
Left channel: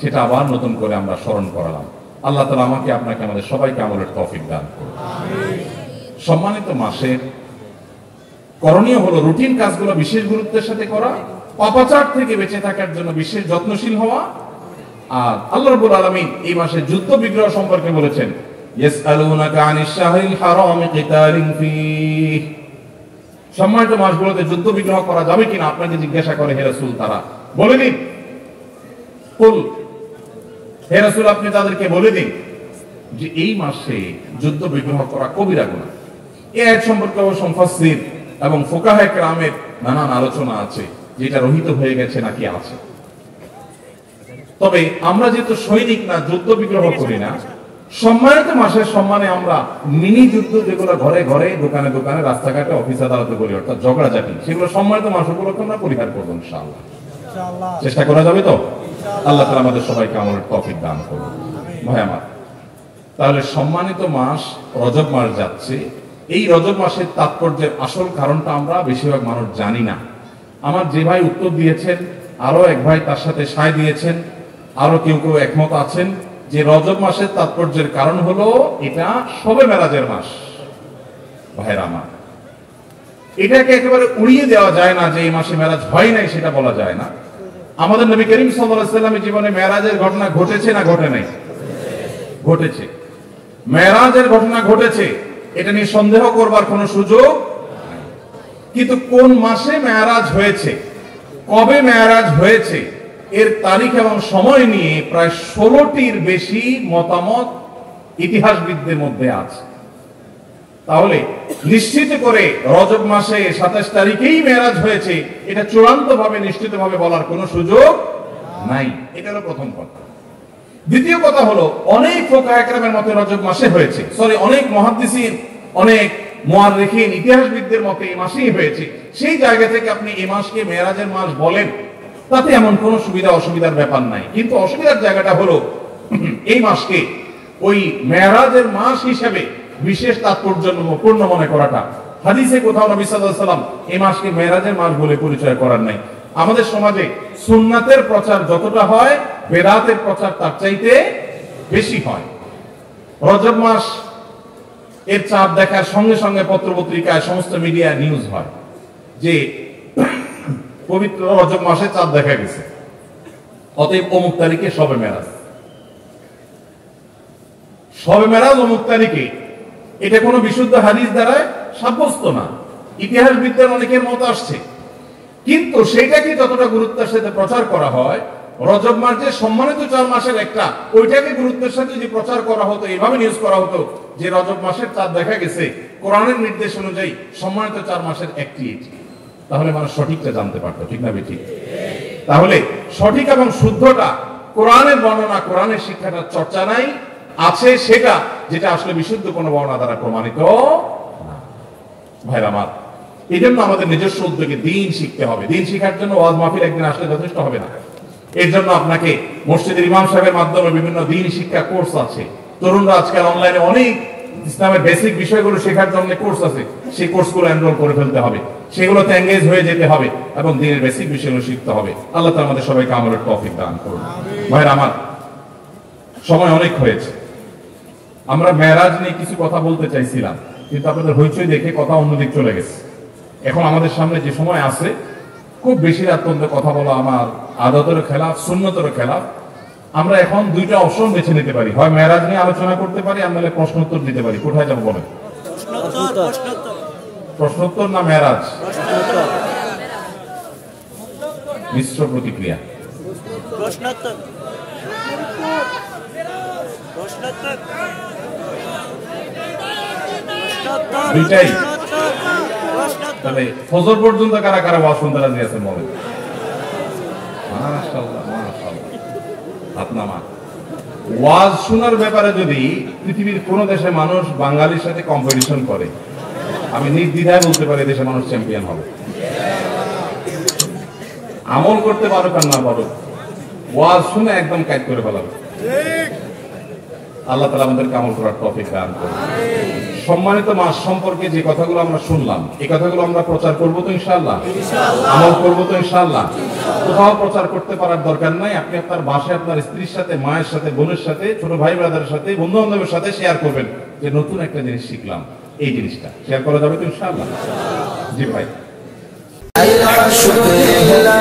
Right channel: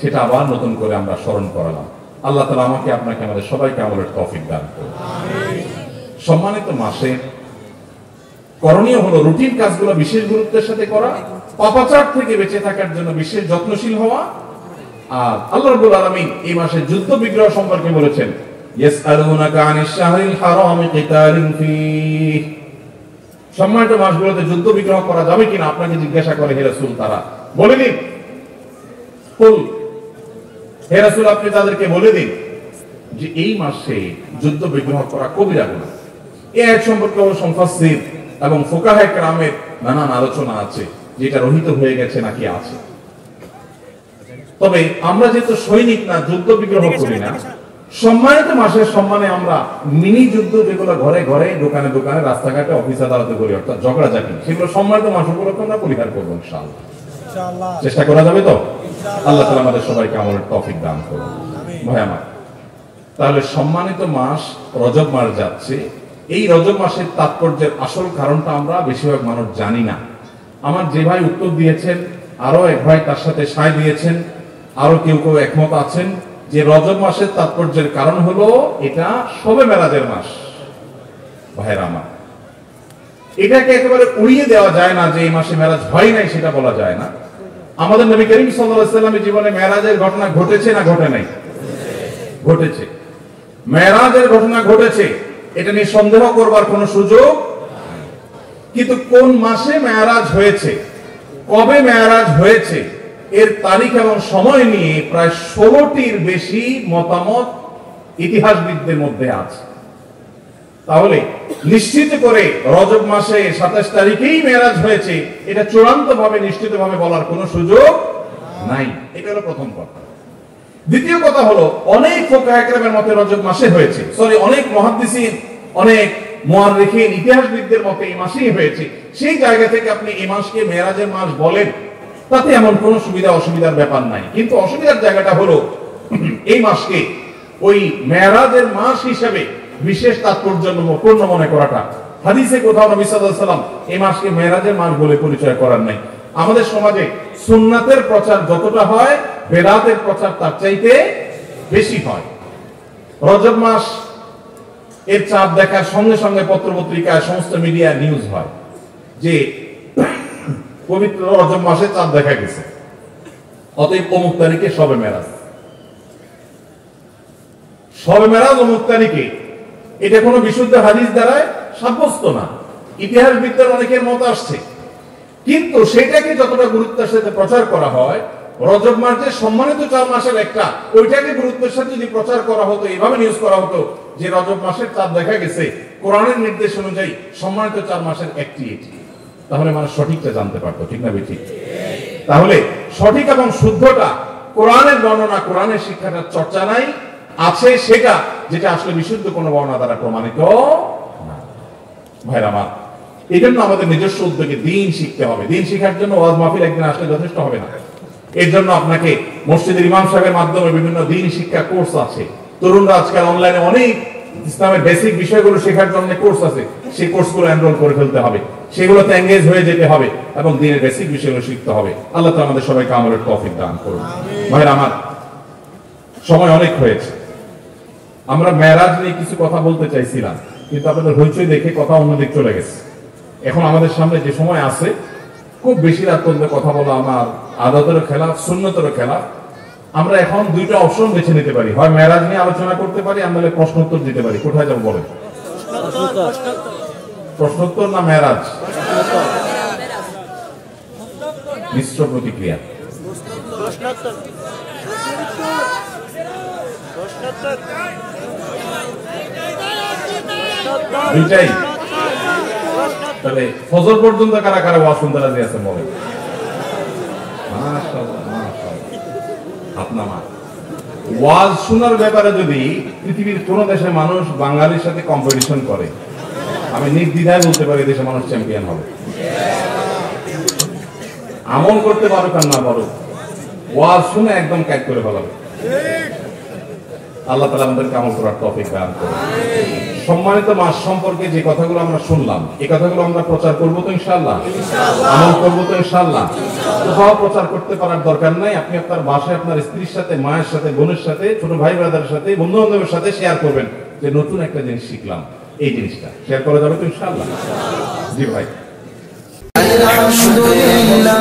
সেটা আবার নতুন করে আমরা স্মরণ করালাম। আল্লাহ তাআলা আমাকে, আপনাকে, আমাদের সবাইকে আমলের তৌফিক দান করুন। সম্মানিত মাসে করণীয় হলো রুটিন কাজগুলো বিশেষ গুরুত্বের সাথে করা, পাপাচার থেকে বেঁচে থাকার জন্য বিশেষ যত্নশীল হওয়া। আর আল্লাহ রাব্বুল আলামিন এই মাসে যুদ্ধ বিগ্রহ সম্পর্কে বলেছেন, ইয়াসআলুনাকা আনিশ শাহরিল হারামি কিতালিন ফীহি। সম্মানিত মাসগুলোতে যুদ্ধ বিগ্রহ করা যাবে কিনা আপনাকে জিজ্ঞাসা করে হে রাসূল, তারা বলে দিন, কুল, হে রাসূল আপনি তাদেরকে বলে দিন যে এই মাসে যুদ্ধ বিগ্রহ করা কবিরা গুনাহ। এই আয়াত সম্পর্কে মুফাসসির এবং ফুকাহায়ে কেরামের নানান আলোচনা আছে। যেটা রহিত হয়ে গেছে নাকি আছে। তবে আমরা যেহেতু সৈনিক না, যুদ্ধ বিগ্রহ করি না, সম্মানিত মাসের সম্মানে আমরা মিনি যুদ্ধ যেগুলো ঘরে ঘরে, দোকানে দোকানে, রাস্তাঘাটে, অফিস আদালতে করি, অর্থাৎ ঝগড়াঝাটি, সেগুলো সম্মানিত মাস উপলক্ষে আমরা পরিহার করবো ইনশাআল্লাহ। চেষ্টা করা যাবে তো? আল্লাহ তাআলা আমাদের সবাইকে আমলের তৌফিক দান করুন। ভাই আমার, তাহলে সম্মানিত মাস রজব মাস যাচ্ছে। এই রজব মাসের তাৎপর্যের আসল কারণটা আমরা বেশিরভাগ মানুষ জানি না। আমার যে ভাই উত্তর দিয়েছেন, আরো এক ভাই তার সাথে সায় দিয়েছেন, আরো কেউ কেউ একমত আছেন যে রজব মাসের তাৎপর্যের কারণ হলো এটা শবে মেরাজের মাস। ভাইরা আমার, এটাকে একেবারে উড়িয়ে দেওয়া যায় না যে এই মাসে মেরাজ হয় নাই, সেটা বলা যায় না। আমাদের নবী করিম সাল্লাল্লাহু আলাইহি ওয়াসাল্লামের জীবনে মেরাজের ঘটনা ঘটেছে না ঘটে নাই? ঘটেছে। মেরাজের ঘটনা ঘটেছে, এটা নিয়ে সন্দেহ করবার কোনো সুযোগ নাই। কিন্তু কোন মাসে মেরাজ হয়েছে, কবে মেরাজ হয়েছে, এর তারিখ এবং সময় নিয়ে প্রায় 16টির বেশি মতামত ইতিহাসবিদদের মধ্যে আছে। তাহলে নিশ্চিত করে রজব মাসে 27 তারিখেই মেরাজ হয়েছে, এটা চূড়ান্ত ভাবে নিশ্চিত ভাবে বলার কোনো সুযোগ নাই। এটা হলো প্রথম কথা। দ্বিতীয় কথা হলো, অনেক ফুকাহা কেরামের মতে রজব মাসে হয়েছে, অনেক মুহাদ্দিসিন, অনেক মুআররিখিন, ইতিহাসবিদদের মতে এই মাসেই হয়েছে। সেই জায়গা থেকে আপনি এই মাসকে মেরাজের মাস বলেন, তাতে এমন কোনো সুবিধা অসুবিধার ব্যাপার নাই। কিন্তু অসুবিধার জায়গাটা হলো এই মাসকে ওই মেরাজের মাস হিসেবে বিশেষ তাৎপর্যপূর্ণ মনে করাটা। হাদিসে কোথাও নবী সাল্লাল্লাহু আলাইহি ওয়াসাল্লাম এই মাসকে মেরাজের মাস বলে পরিচয় করার নাই। আমাদের সমাজে সুন্নাতের প্রচার যতটা হয়, বেদাতের প্রচার তার চাইতে বেশি হয়। রজব মাস এর চাঁদ দেখার সঙ্গে সঙ্গে পত্রপত্রিকায়, সমস্ত মিডিয়া নিউজ হয় যে পবিত্র রজব মাসে চাঁদ দেখা গেছে, অতএব অমুক তারিখে শবে মেরাজ। শবে মেরাজ অমুক তারিখে, এটা কোনো বিশুদ্ধ হাদিস দ্বারা সাব্যস্ত না। ইতিহাসবিদদের অনেকের মত আসছে, কিন্তু সেটাকে যতটা গুরুত্বের সাথে প্রচার করা হয়, রজব মাস যে সম্মানিত 4 মাসের একটা, ওইটাকে গুরুত্বের সাথে যদি প্রচার করা হতো, এভাবে নিউজ করা হতো যে রজব মাসের চাঁদ দেখা গেছে, কোরআনের নির্দেশ অনুযায়ী সম্মানিত 4 মাসের একটি এটি, তাহলে মানুষ সঠিকটা জানতে পারতো। ঠিক না বেঠিক? তাহলে সঠিক এবং শুদ্ধটা, কোরআনের বর্ণনা, কোরআনের শিক্ষাটার চর্চা নাই, আছে সেটা যেটা আসলে বিশুদ্ধ কোনো বর্ণনা দ্বারা প্রমাণিত না। ভাইরা আমার, এই জন্য আমাদের নিজস্ব উদ্যোগে দিন শিখতে হবে। দিন শিখার জন্য ওয়াজ মাহফিল একদিন আসলে যথেষ্ট হবে না। এর জন্য আপনাকে মসজিদের ইমাম সাহেবের মাধ্যমে বিভিন্ন দিন শিক্ষা কোর্স আছে। তরুণরা আজকাল অনলাইনে অনেক ইসলামের বেসিক বিষয়গুলো শেখার জন্য কোর্স আছে, সেই কোর্সগুলো এনরোল করে ফেলতে হবে, সেগুলোতে এঙ্গেজ হয়ে যেতে হবে এবং দিনের বেসিক বিষয়গুলো শিখতে হবে। আল্লাহ তাআলা আমাদের সবাইকে আমলের তৌফিক দান করুন। ভাইরা আমার, সময় অনেক হয়েছে। আমরা মেরাজ নিয়ে কিছু কথা বলতে চাইছিলাম, কিন্তু আপনাদের হইচই দেখে কথা অন্যদিক চলে গেছে। এখন আমাদের সামনে যে সময় আছে, খুব বেশি রাত পর্যন্ত কথা বলা আমার আদতের খেলাফ, সুন্নতের খেলাফ। আমরা এখন দুইটা অপশন বেছে নিতে পারি, হয় মেরাজ নিয়ে আলোচনা করতে পারি, আমরা প্রশ্নোত্তর দিতে পারি। কোথায় যাবো বলেন? প্রশ্নোত্তর না মেরাজ? মিশ্র প্রতিক্রিয়া। দুইটাই। তাহলে ফজর পর্যন্ত কারা কারা ওয়াজ শুনতে রাজি আছে? মনে আপনার ওয়াজ শোনার ব্যাপারে যদি পৃথিবীর কোন দেশের মানুষ বাঙালির সাথে কম্পিটিশন করে, আমি নির্দ্বিধায় বলতে পারি দেশের মানুষ চ্যাম্পিয়ন হবে। আমল করতে পারুক আর না পারুক, ওয়াজ শুনে একদম কাজ করে ফেলাবে। আল্লাহ তাআলা আমাদেরকে আমল করার তৌফিক দান করুন। সম্মানিত মাস সম্পর্কে যে কথাগুলো আমরা শুনলাম, এই কথাগুলো আমরা প্রচার করবো তো ইনশাআল্লাহ? আমল করবো তো ইনশাআল্লাহ? কোথাও প্রচার করতে পারার দরকার নাই। আপনি আপনার বাসায় আপনার স্ত্রীর সাথে, মায়ের সাথে, বোনের সাথে, ছোট ভাই ব্রাদারের সাথে, বন্ধু বান্ধবের সাথে শেয়ার করবেন যে নতুন একটা জিনিস শিখলাম। এই জিনিসটা শেয়ার করা যাবে তো ইনশাআল্লাহ? জি ভাই। আলহামদুলিল্লাহ,